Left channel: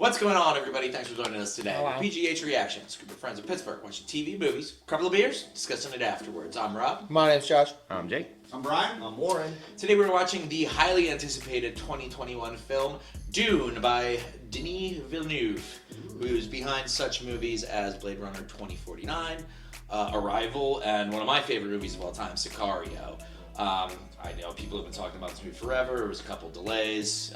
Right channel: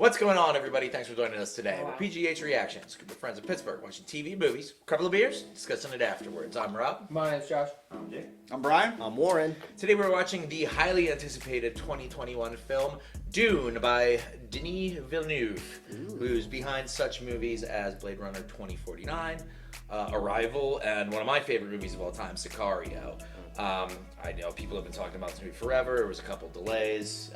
What's going on, everybody? Thanks for joining us today. The PGH Reactions, group of friends in Pittsburgh watching TV, movies, a couple of beers, discussing it afterwards. I'm Rob. My name's Josh. I'm Jake. I'm Brian. I'm Warren. Today we're watching the highly anticipated 2021 film Dune by Denis Villeneuve, who's behind such movies as Blade Runner 2049, Arrival, and one of my favorite movies of all time, Sicario. I know people have been talking about this movie forever. There was a couple delays,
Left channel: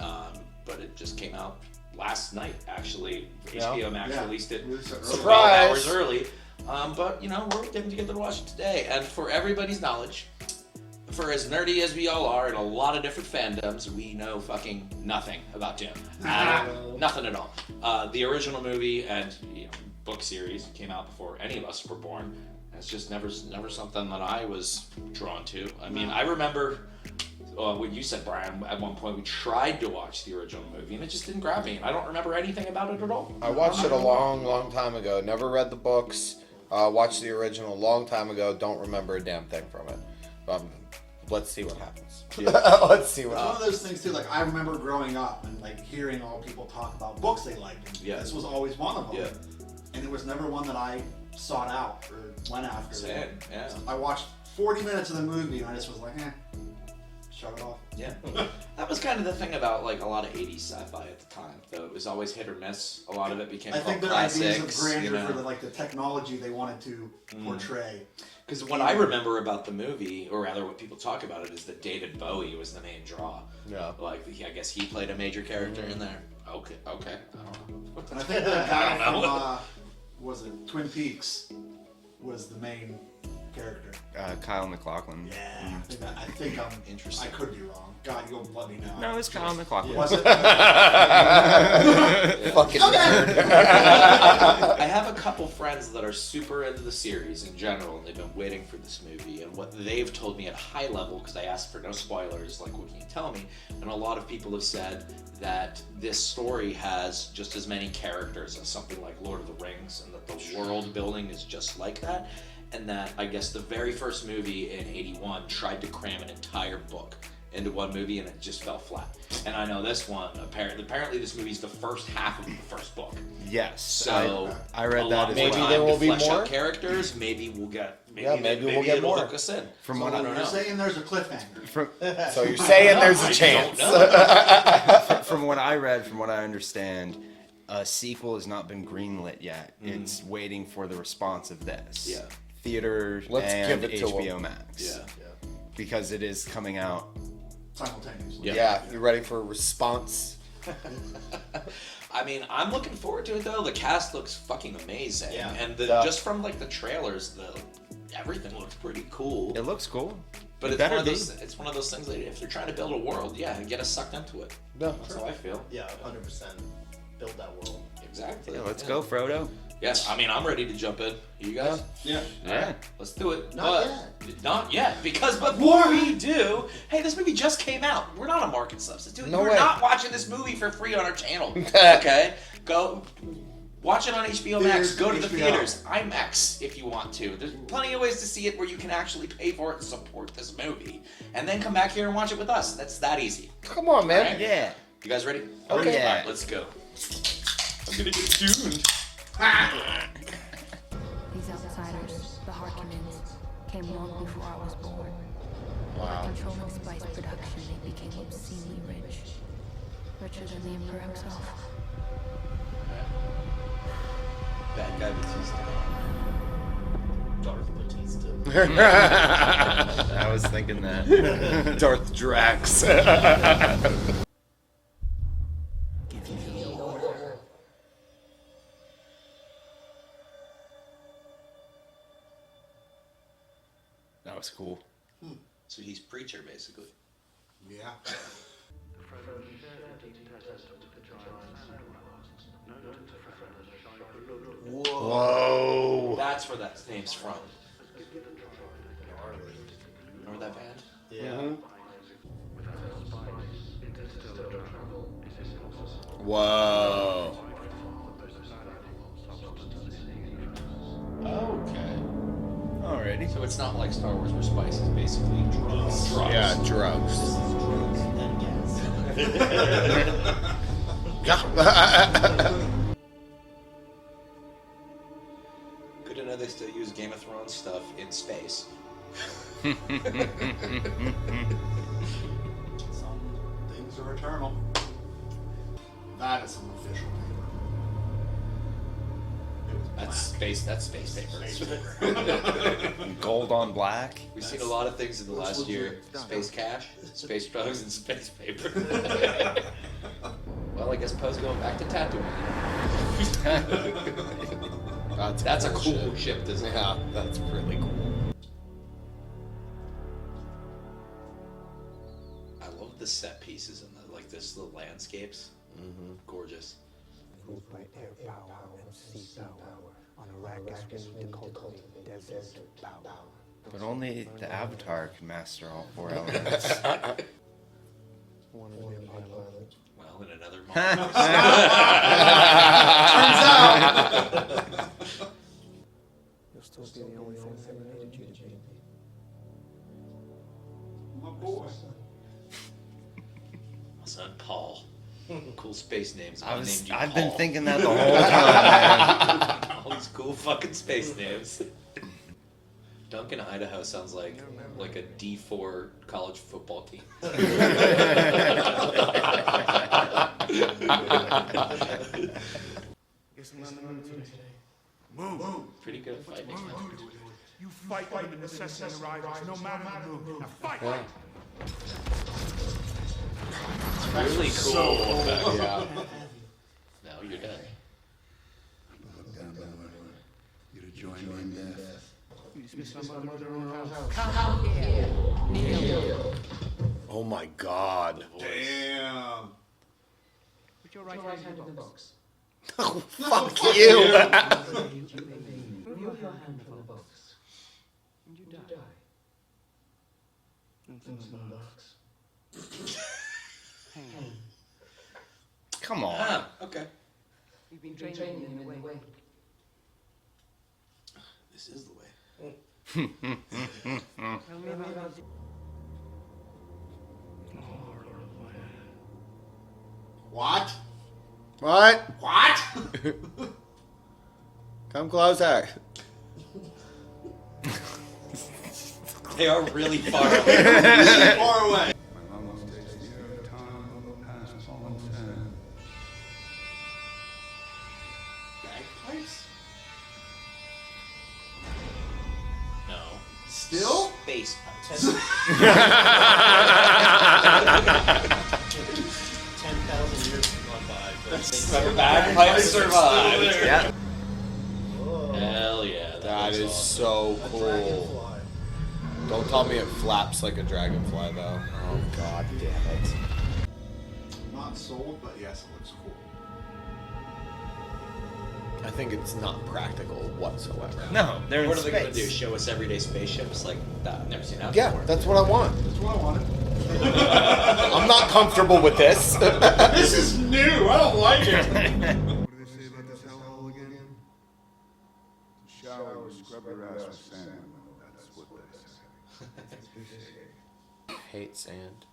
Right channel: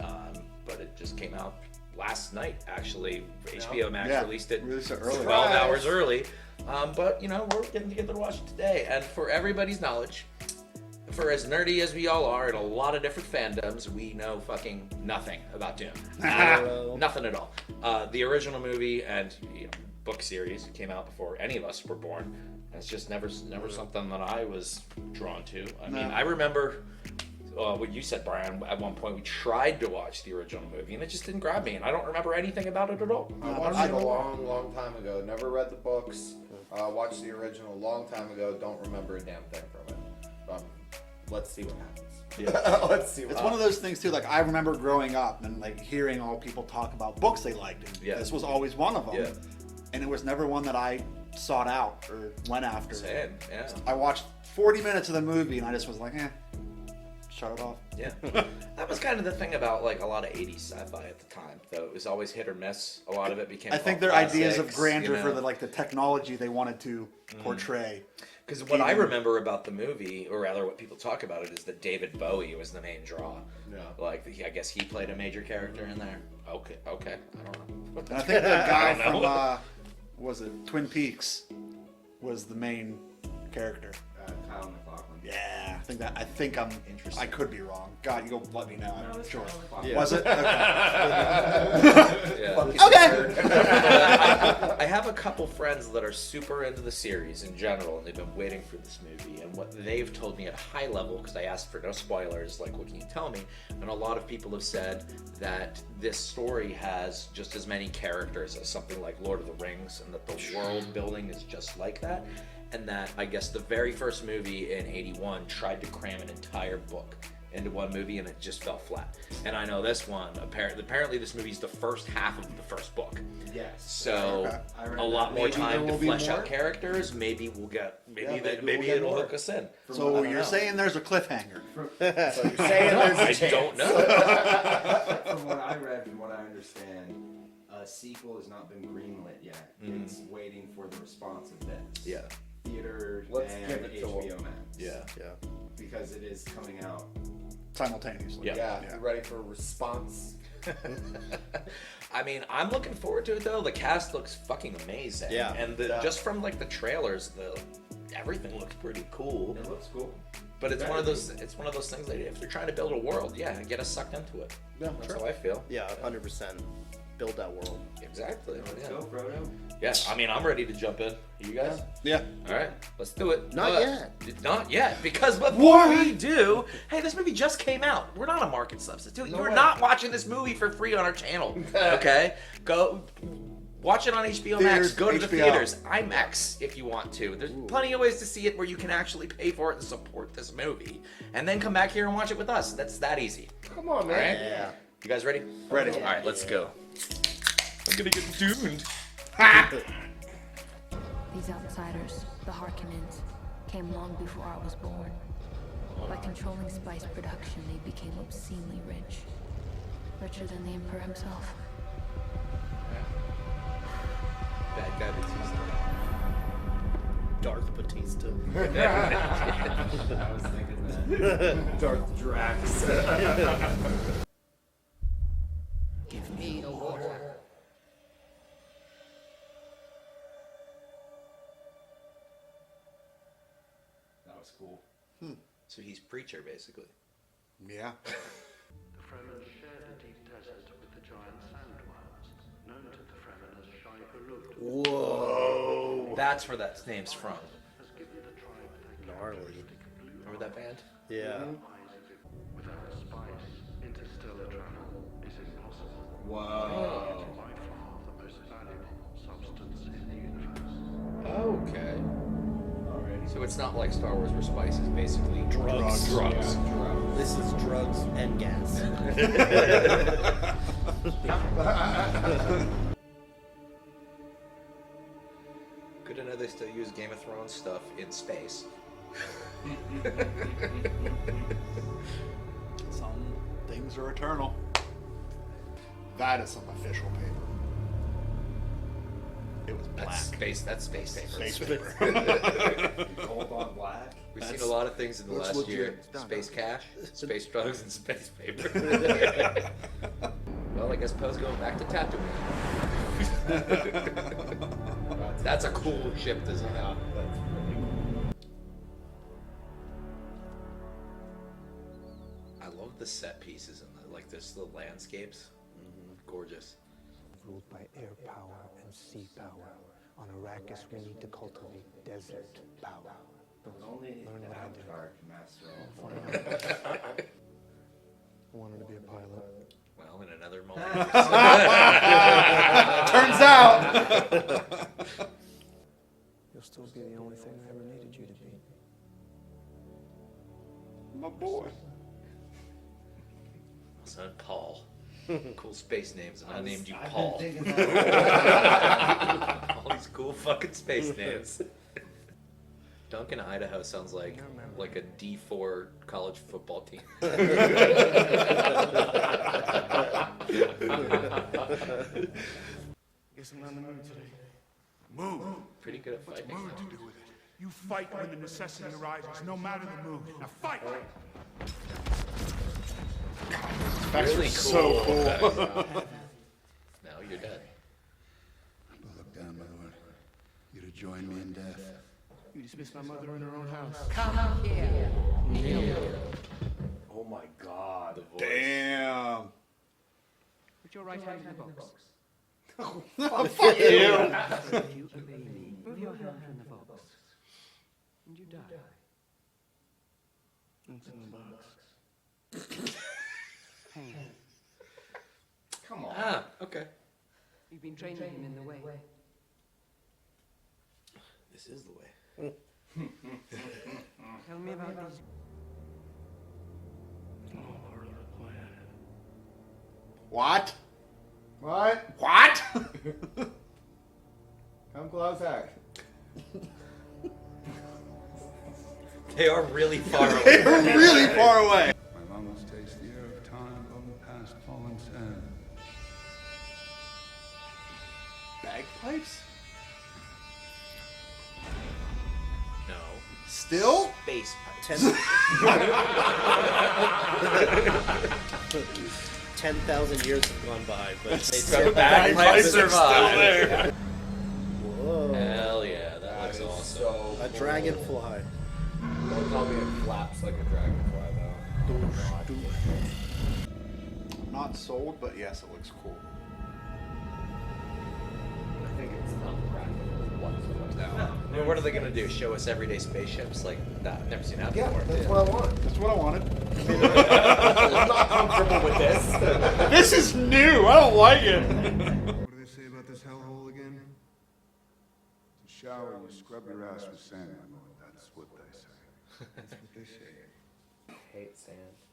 but it just came out last night, actually. HBO Max released it early. 12 hours early. But, you know, we're getting together to watch it today. And for everybody's knowledge, for as nerdy as we all are in a lot of different fandoms, we know fucking nothing about Dune. Nothing at all. The original movie and book series came out before any of us were born. It's just never something that I was drawn to. I mean, I remember what you said, Brian. At one point, we tried to watch the original movie, and it just didn't grab me. And I don't remember anything about it at all. I watched it a long time ago. Never read the books. Watched the original a long time ago. Don't remember a damn thing from it. Let's see what happens. Let's see what It's one of those things too. Like I remember growing up and like hearing all people talk about books they liked. And this was always one of them. Yeah. And it was never one that I sought out or went after. Same, yeah. I watched 40 minutes of the movie and I just was like, shut it off. Yeah. That was kind of the thing about like a lot of 80s sci-fi at the time, though. It was always hit or miss. A lot of it became I think their ideas of grandeur for the technology they wanted to portray. Because what I remember about the movie, or rather what people talk about it, is that David Bowie was the main draw. Yeah. Like, I guess he played a major character in there. Okay. I don't know. And I think the guy from, was it Twin Peaks, was the main character. Kyle MacLachlan. Yeah, I think I'm interested. I could be wrong. God, you go let me know. No, it's Kyle MacLachlan. Was it? Fucking I have a couple friends that are super into the series in general, and they've been waiting for this movie. And what they've told me at a high level, because I asked for no spoilers, like, what can you tell me? And a lot of people have said that this story has just as many characters as something like Lord of the Rings, and that the world building is just like that. And that I guess the very first movie in '81 tried to cram an entire book into one movie, and it just fell flat. And I know this one, apparently this movie is the first half of the first book. Yes. So I read that. Maybe there will be more characters. Maybe we'll get. Maybe we'll get more. Hook us in. From So what you're saying there's a cliffhanger. So you're saying there's a chance. from what I read, from what I understand, a sequel has not been greenlit yet. It's waiting for the response of this. Yeah. Theaters Let's and give it to HBO them. Max. Yeah. Because it is coming out. Simultaneously. Yeah, you ready for a response? I mean, I'm looking forward to it though. The cast looks fucking amazing. Yeah. And just from like the trailers, everything looks pretty cool. It looks cool. But it's one of those things that if you're trying to build a world, get us sucked into it. No, That's how I feel. Yeah, 100%. Build that world. Exactly. Yeah, let's go, Frodo. Yes, I mean, I'm ready to jump in. You guys? Yeah. All right, let's do it. Not yet. Not yet, because before we do, hey, this movie just came out. We're not a market substitute. No You're way. not watching this movie for free on our channel. Okay? Go watch it on HBO Max. Theaters, Go to the HBO. theaters. IMAX if you want to. There's plenty of ways to see it where you can actually pay for it and support this movie. And then come back here and watch it with us. That's that easy. come on, man. All right? Yeah. You guys ready? Okay. All right, let's go. I'm gonna get doomed. These outsiders, the Harkonnens, came long before I was born. By controlling spice production, they became obscenely rich. Richer than the Emperor himself. Bad guy Batista. Darth Batista. I was thinking that. Darth Drax. Give me order. That was cool. So he's preacher, basically. Yeah. The Fremen shared a deep desert with the giant sand dwellers, known to the Fremen as Shai-Hulud, Whoa. That's where that name's from. has given the tribe their characteristic blue Remember that band? Yeah. eyes. Without spice, interstellar travel is impossible. Whoa. By far the most valuable substance in the universe. Okay. Alrighty. So it's not like Star Wars where spice is basically drugs. Yeah, drugs. This is drugs and gas. Good to know they still use Game of Thrones stuff in space. Some things are eternal. That is some official paper. It was black. That's space paper. Space paper. Gold on black. We've seen a lot of things in the last year. Space cash, space drugs, and space paper. Well, I guess Poe's going back to Tatooine. That's a cool ship, isn't it? Yeah, that's really cool. I love the set pieces and the landscapes. Gorgeous. Ruled by air power and sea power. On Arrakis, we need to cultivate desert power. But only the Avatar can master all four elements. I wanted to be a pilot. Well, in another moment. Turns out! You'll still be the only thing I ever needed you to be. My boy. Also, Paul. Cool space names. I've been thinking that the whole time. All these cool fucking space names. Duncan, Idaho sounds like a D4 college football team. Guess I'm not in the mood today. Move. Pretty good What's fighting. mood to do with it? You fight when the necessity arises, no matter the mood. Now fight! Actually, So cool. now you're dead. But look down, my lord. You're to join me in death. You dismissed my mother in her own house. Oh my god. Damn. Put your right hand in the box. Fuck you! You obey me. Move your hand from the box. And you die. It's in the box. Pain. Come on. Ah, okay. You've been training him in the way. This is the way. Tell me about these. All part of the plan. What? What? What? Come closer. They are really far away. Really far away. My lungs taste the air of time on the past fallen sand. Bagpipes? No. Still? Space. 10,000 years have gone by, but they The bagpipes survive. Yeah. Hell yeah. That is so a cool. dragonfly. Don't tell me it flaps like a dragonfly, though. Oh god damn it. Not sold, but yes, it looks cool. I think it's not practical whatsoever. No, they're in What are they going to do? space. Show us everyday spaceships like that? I've never seen that Yeah, before. that's what I want. That's what I wanted. I'm not comfortable with this. This is new. I don't like it. What do they say about this hellhole again? To shower, you scrub your ass with sand, my lord. That's what they say. That's what they say. Hate sand.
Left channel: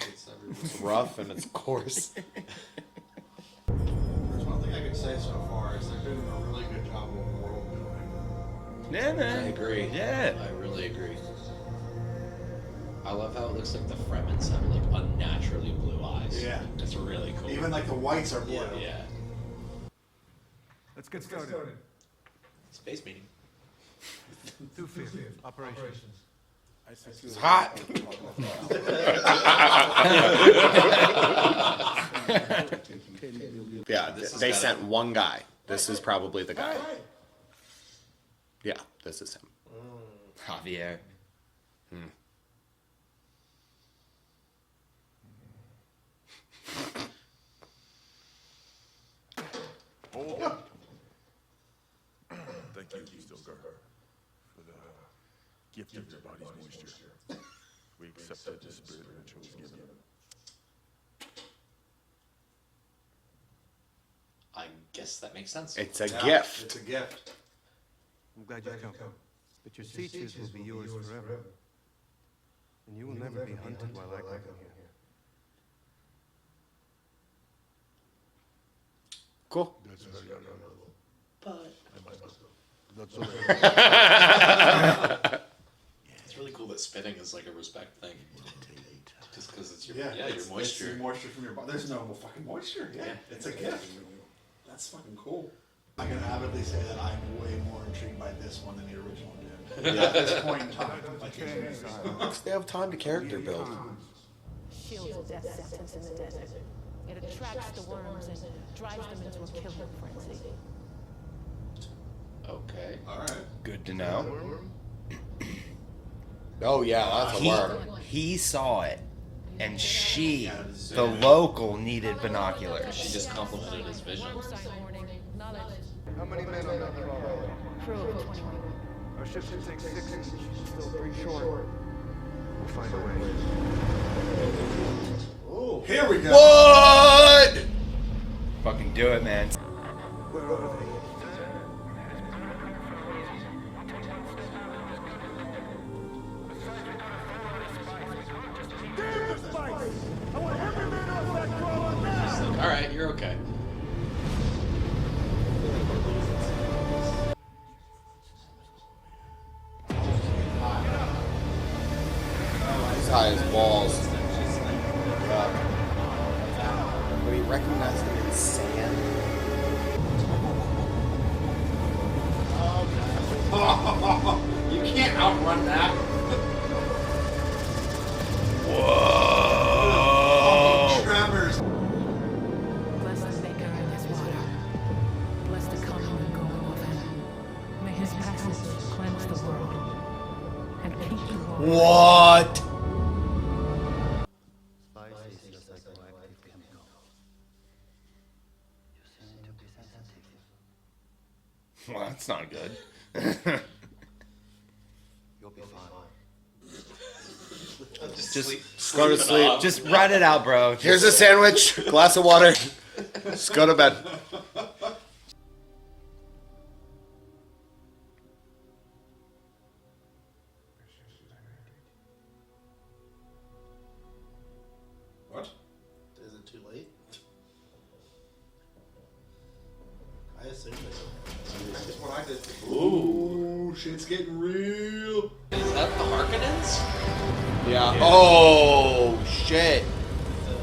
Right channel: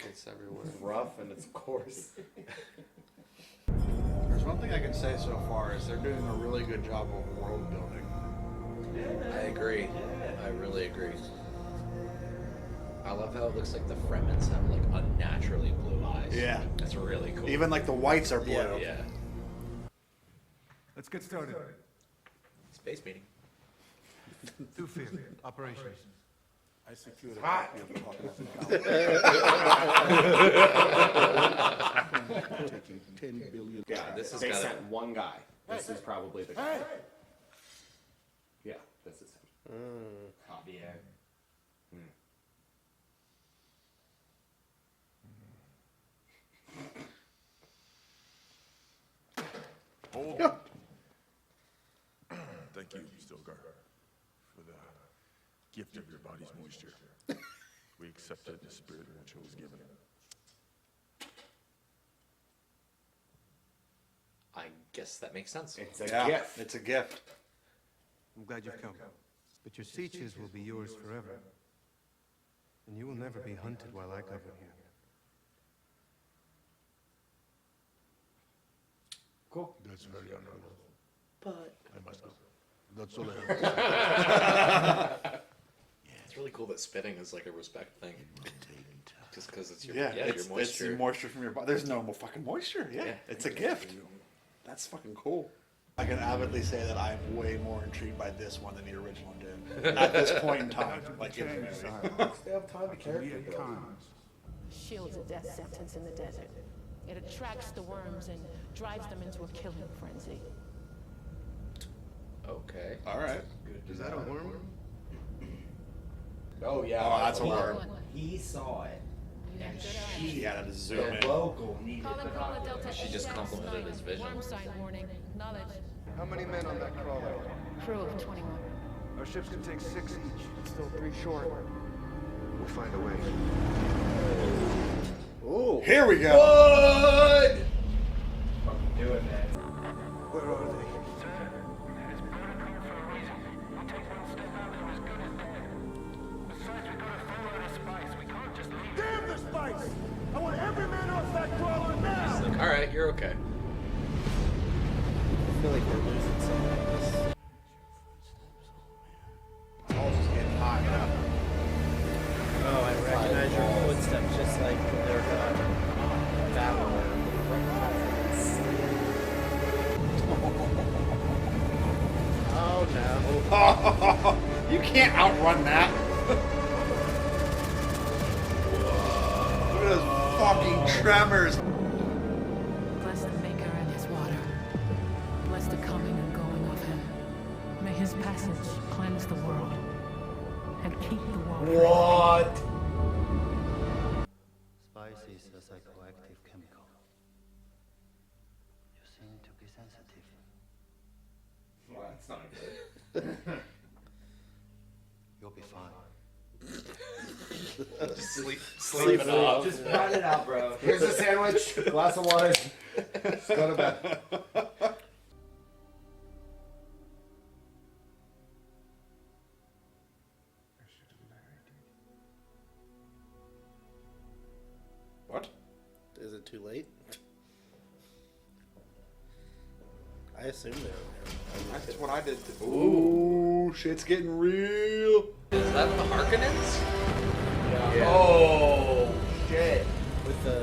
It's everywhere. It's rough and it's coarse. There's one thing I can say so far is they're doing a really good job of world building. Yeah, I man. agree. Yeah. I really agree. I love how it looks like the Fremens have like unnaturally blue eyes. Yeah. It's really cool. Even like the whites are blue. Yeah. Let's get started. Space meeting. Through fear. Operations. It's hot. Yeah, they sent one guy. This is probably the guy. Yeah, this is him. Javier. Hold on. Thank you, Stilgar, for the gift of your body's moisture. We accepted the spirit which was given. I guess that makes sense. It's a Yeah, gift. It's a gift. I'm glad you've come. But your seaches will be yours forever. And you will never be hunted while I come in here. Cool. That's very honorable. But I must go. That's all I have. it's really cool that spitting is like a respect thing. Just because it's your Yeah, your it's moisture. the moisture from your body. There's no fucking moisture. Yeah, it's a gift. That's fucking cool. I can avidly say that I'm way more intrigued by this one than the original did. At this point in time, like They have time to character build. Shields a death sentence in the desert. It attracts the worms and drives them into a killing frenzy. Okay. All right. Good to know. Oh yeah, that's a word. He saw it, and she, the local, needed binoculars. She just complimented his vision. Worm sign warning. Knowledge. How many men on that crawler? Crew of 21. Our ships can take 6 each. Still 3 short. We'll find a way. Oh, here we go. What? Fucking do it, man. Where are they? Damn the spice! I want every man off that crawler now! All right, you're okay. This guy has balls. But he recognized it as sand. You can't outrun that. Whoa! Tremors. Bless the Maker and his water. Bless the coming and going of him. May his passage cleanse the world and keep the world. What? Spice is a psychoactive chemical. You seem to be sensitive. Well, that's not good. You'll be fine. Just Go to sleep. Just write it out, bro. Here's a sandwich, glass of water. Just go to bed. What? Is it too late? I assume it. That's what I did. Ooh, shit's getting real. Is that the Harkonnens? Yeah. Oh shit. With the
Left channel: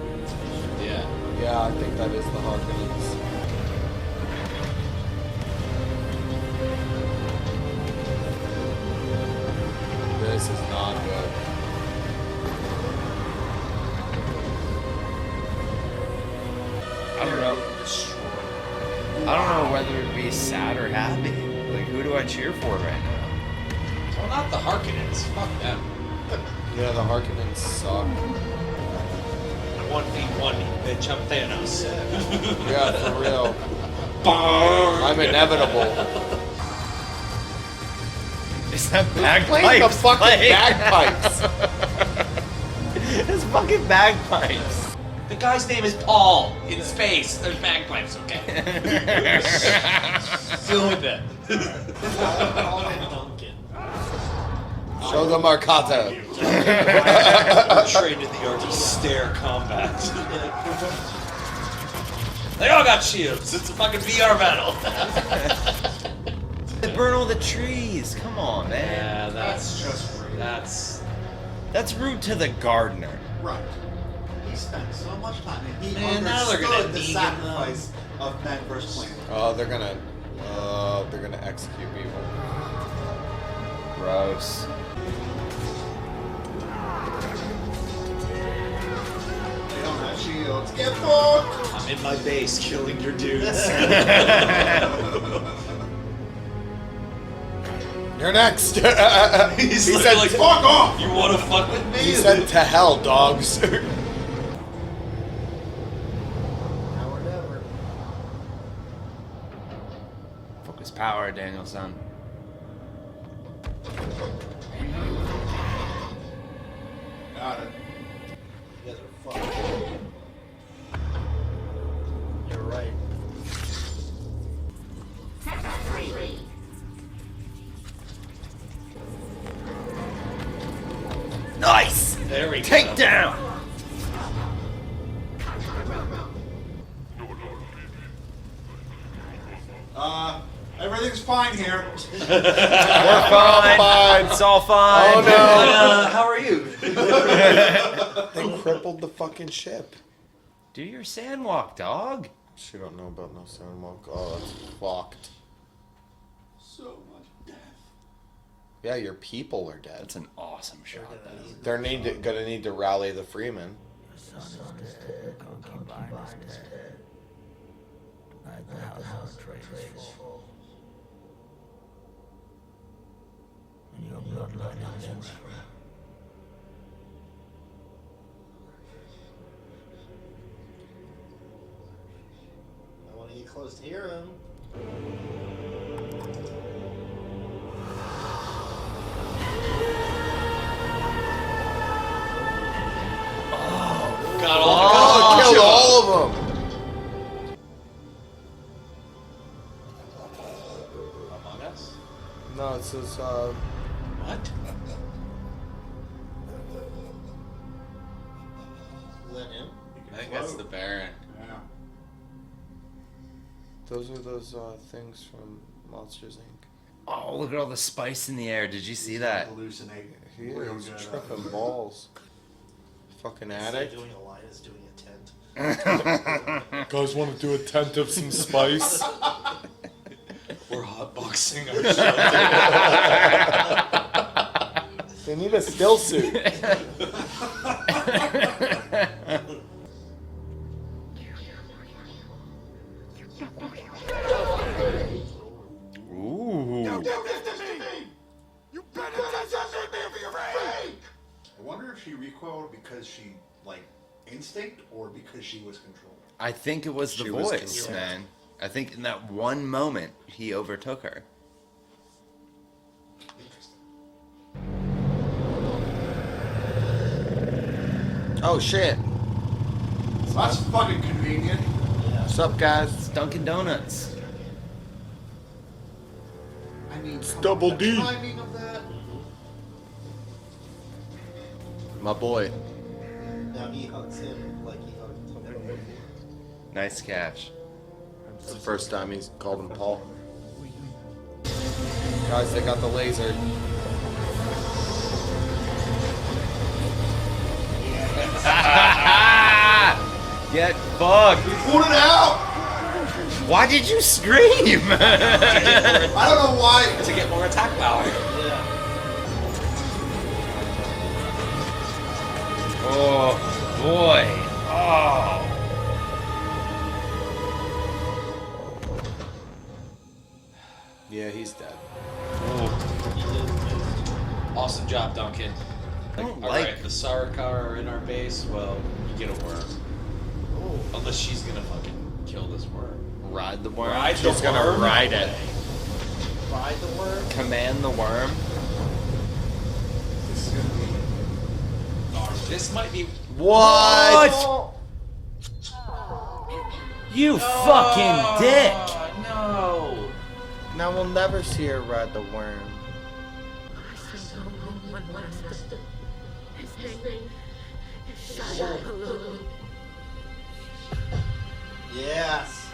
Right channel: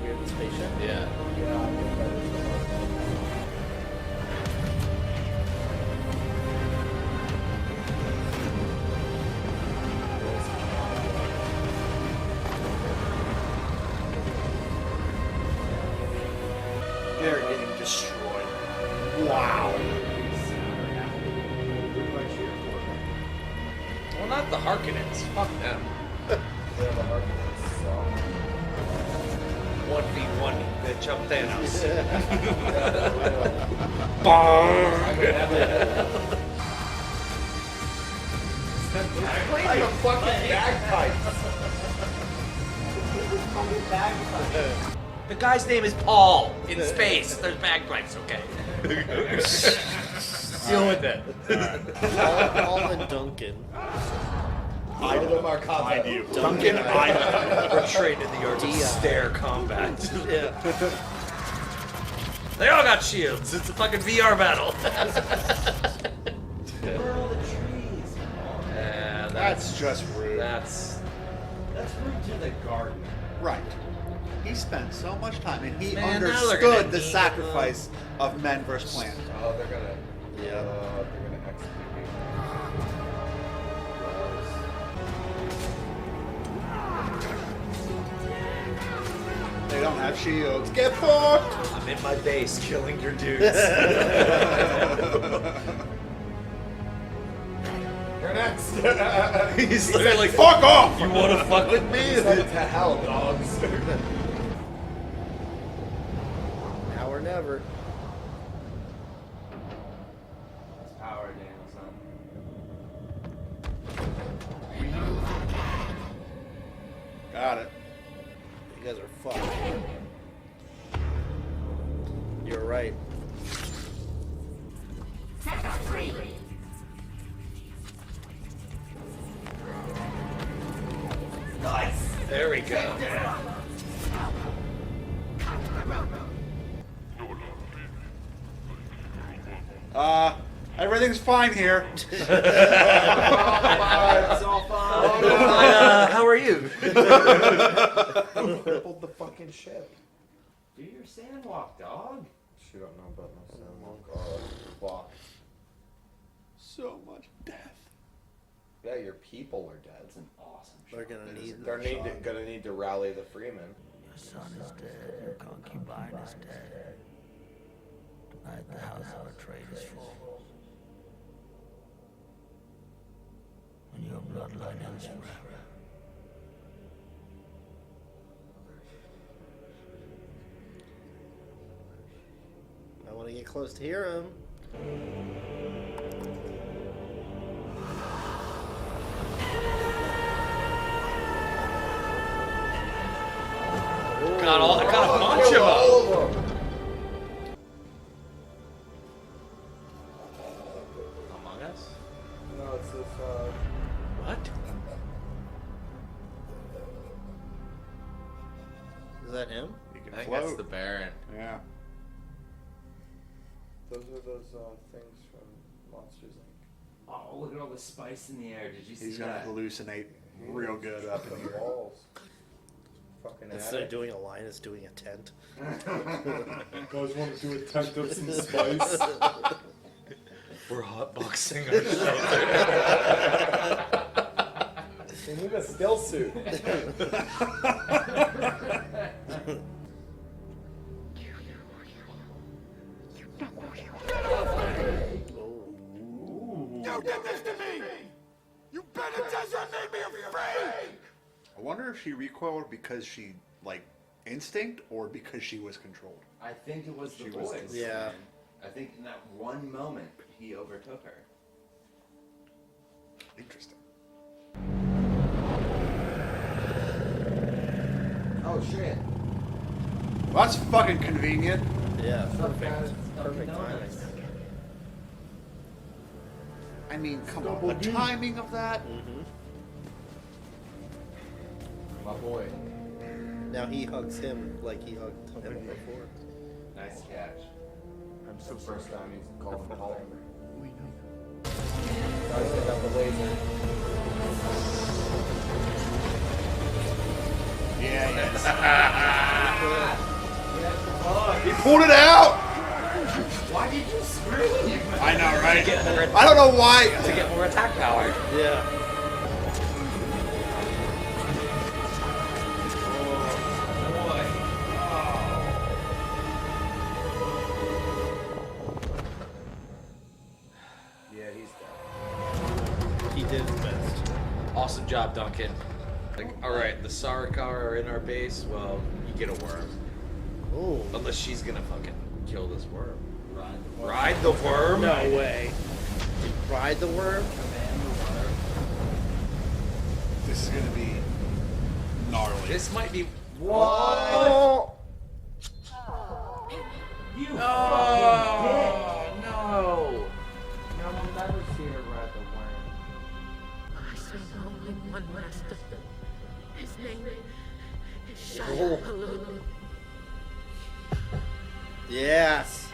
weird spaceship. Yeah. Yeah, I think that is the Harkonnens. This is not good. I don't know. I don't know whether to be sad or happy. Like, who do I cheer for right now? Well, not the Harkonnens. Fuck them. Yeah, the Harkonnens suck. 1v1, bitch, I'm Thanos. Yeah, for real. Bong! I'm inevitable. Is that bagpipes? Playing the fucking bagpipes. It's fucking bagpipes. The guy's name is Paul in space. There's bagpipes, okay? Deal with it. All in Duncan. Show the Marcato. Trained in the art of stair combat. They all got shields. It's a fucking VR battle. They burn all the trees. Come on, man. Yeah, That's just rude. That's rude to the gardener. Right. He spent so much time and he Man, now they're gonna understood the need sacrifice of men versus plant. Oh, they're gonna execute people. Gross. They don't have shields. Get fucked! I'm in my base killing your dudes. You're next. He He said, like, "Fuck off." You wanna fuck with me? He said, "To hell, dogs." Now or never. Focus power, Danielson. Got it. You guys are fucked. You're right. Nice. There we go. Take down. Everything's fine here. We're fine. It's all fine. Oh no! How are you? They crippled the fucking ship. Do your sandwalk, dog. She don't know about no sandwalk. Oh, that's fucked. So much death. Yeah, your people are dead. That's an awesome shot. They're gonna need to rally the Freemen. Your son is dead. Your concubine is dead. Tonight the house of our trade is full. And your bloodline ends forever. I want to get close to hear him. Got all the Killed all of them. Among Us? No, it says What? Is that him? I think that's the Baron. Yeah. those are those things from Monsters Inc. Oh, look at all the spice in the air. Did you see that? Hallucinate He real is good. tripping balls. Fucking Instead addict. of doing a line, is doing a tent. Guys want to do a tent of some spice? We're hotboxing They need a still suit. Ooh. You did this to me! You penitential made me afraid! I wonder if she recoiled because she, like, instinct or because she was controlled. I think it was the She was voice, controlled. man. I think in that one moment he overtook her. Interesting. Oh shit! So that's fucking convenient. Yeah. What's up, guys? It's Dunkin' Donuts. I mean, come Double on, D. the timing of that. My boy. Now he hugs him like he hugged him before. Nice catch. It's the first time he's called him Paul. Guys, they got the laser. Get fucked. Pulled it out! Why did you scream? I don't know why. to get more attack power. Yeah. Oh boy. Oh. Yeah, he's dead. He did his best. Awesome job, Duncan. Like- Alright, the Sarikar are in our base. Well, you get a worm. Oh. Unless she's gonna fucking kill this worm. Ride the worm. Ride the She's gonna worm ride it. away. Ride the worm. Command the worm. This is gonna be gnarly. This might be. What? You fucking dick. No. Now we'll never see her ride the worm. I serve only one master. His name is Shia Halud. Yes.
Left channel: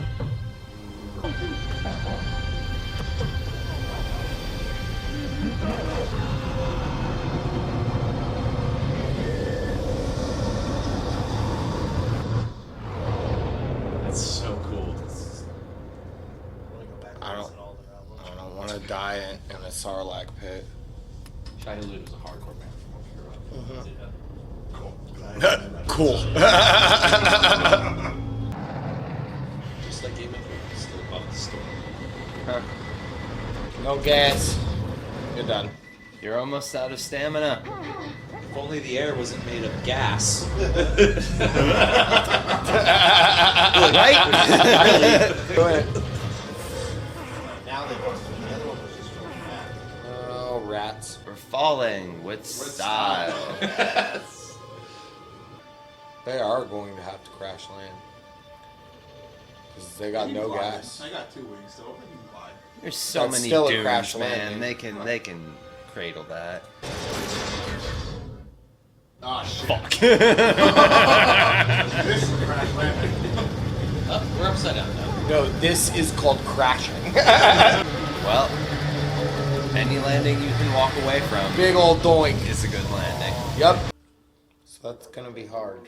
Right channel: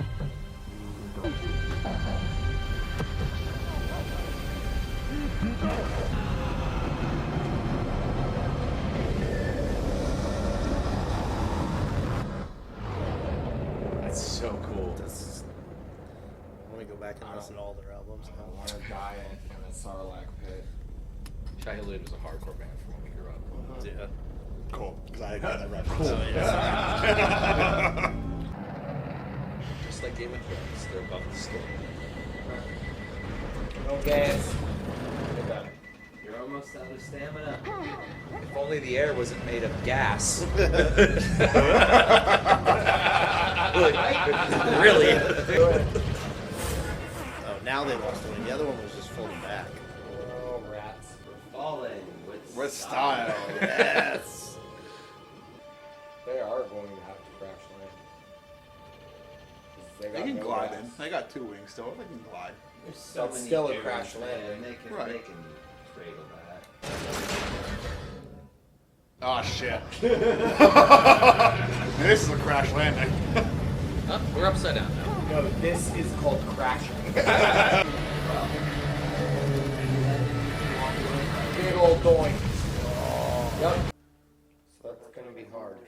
It's so cool. I want to go back and I listen to all their albums. I don't want to die in a Sarlacc pit. Shia LaBeouf was a hardcore band before we grew up. Yeah. Cool. 'Cause I didn't read Cool. Just like Game of Thrones, still above the story. No gas. You're done. You're almost out of stamina. If only the air wasn't made of gas. Right? Really? Now they want one. The other one was just falling back. Oh, rats. We're falling with style. Yes. They are going to have to crash land. 'Cause they got no gas. I got 2 weeks, so we can glide. There's so That's many still a dunes, crash man. landing. They can cradle that. Oh shit. This is a crash landing. We're upside down. No, this is called crashing. Well, any landing you can walk away from. Big old doink. Is a good landing. Yep. So that's gonna be hard.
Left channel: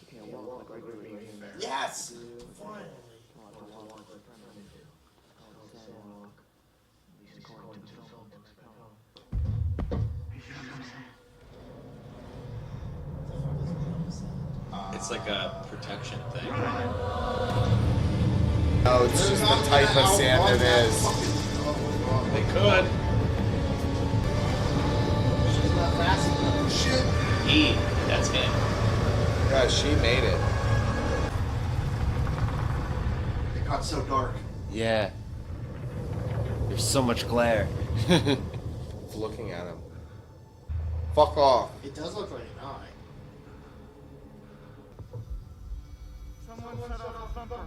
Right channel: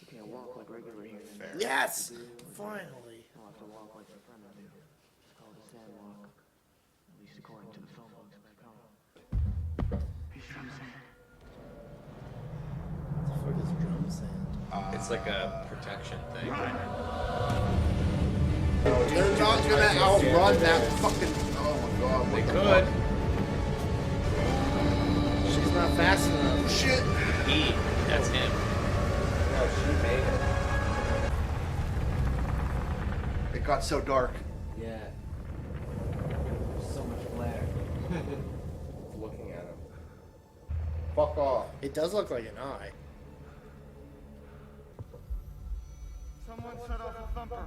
You can't walk like regular humans. Yes! Finally. You'll have to walk like the Fremen do. It's called a sand walk. At least according to the film books back home. It's like a protection thing. No, it's just the type of sand it is. They could. She's not fast enough. Shit! That's him. Yeah, she made it. It got so dark. Yeah. There's so much glare. It's looking at him. Fuck off. It does look like an eye. Someone set off a thumper.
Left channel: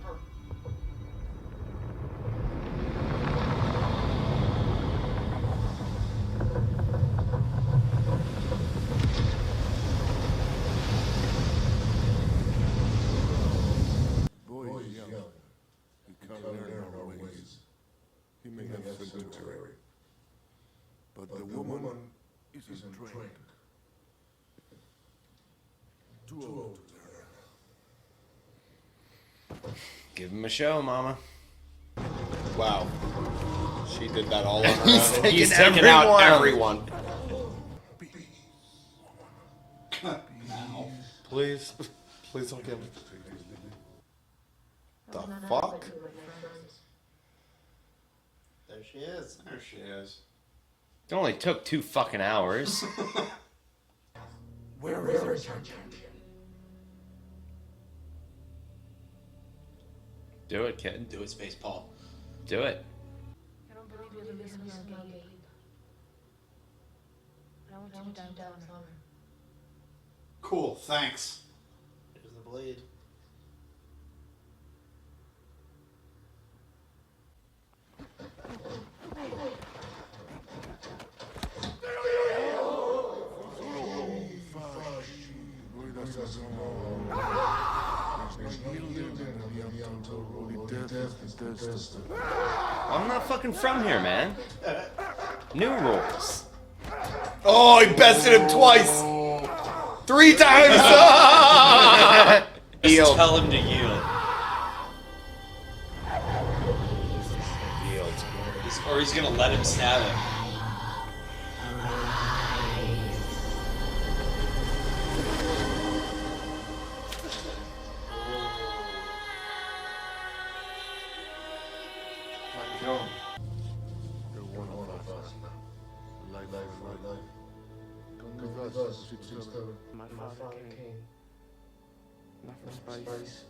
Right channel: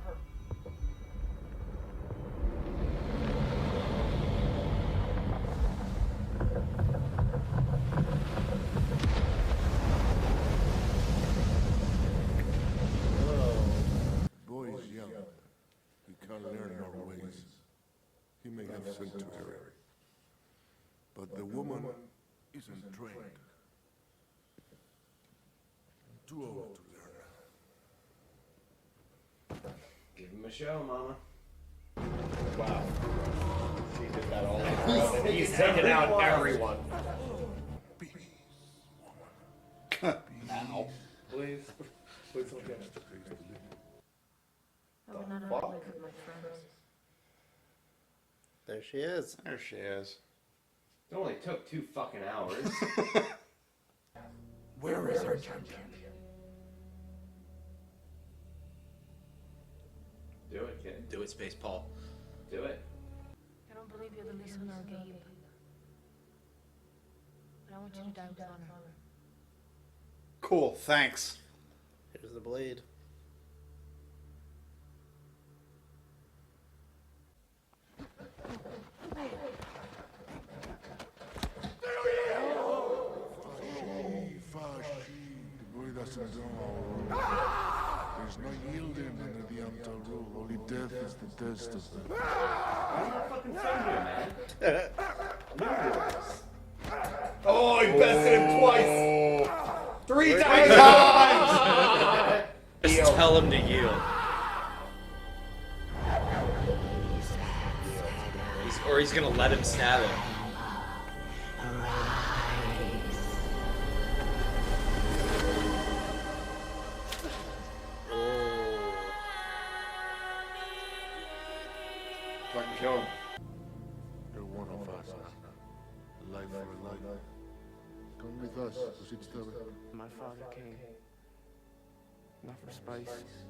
Boy is young. He can't learn our ways. He may have sanctuary. But the woman isn't trained. Too old to learn. Give him a show, Mama. Wow. She did that all on her He's own. taking He's taking out everyone. Ow. Please. Please don't get me. The fuck? There she is. There she is. It only took 2 fucking hours. Where is our champion? Do it, kid. Do it, Space Paul. Do it. I don't believe you're the listener, Gabe. But I want you to die with honor. Cool, thanks. Here's the blade. There's no yielding under the Untitled rule. Only death is the test of the... I'm not fucking from here, man. New rules. Oh, he bested him twice. 3 times. Just tell him to yield. Or he's gonna let him stab him. You're one of us. Life for life. Come with us, My father came. Not for spice.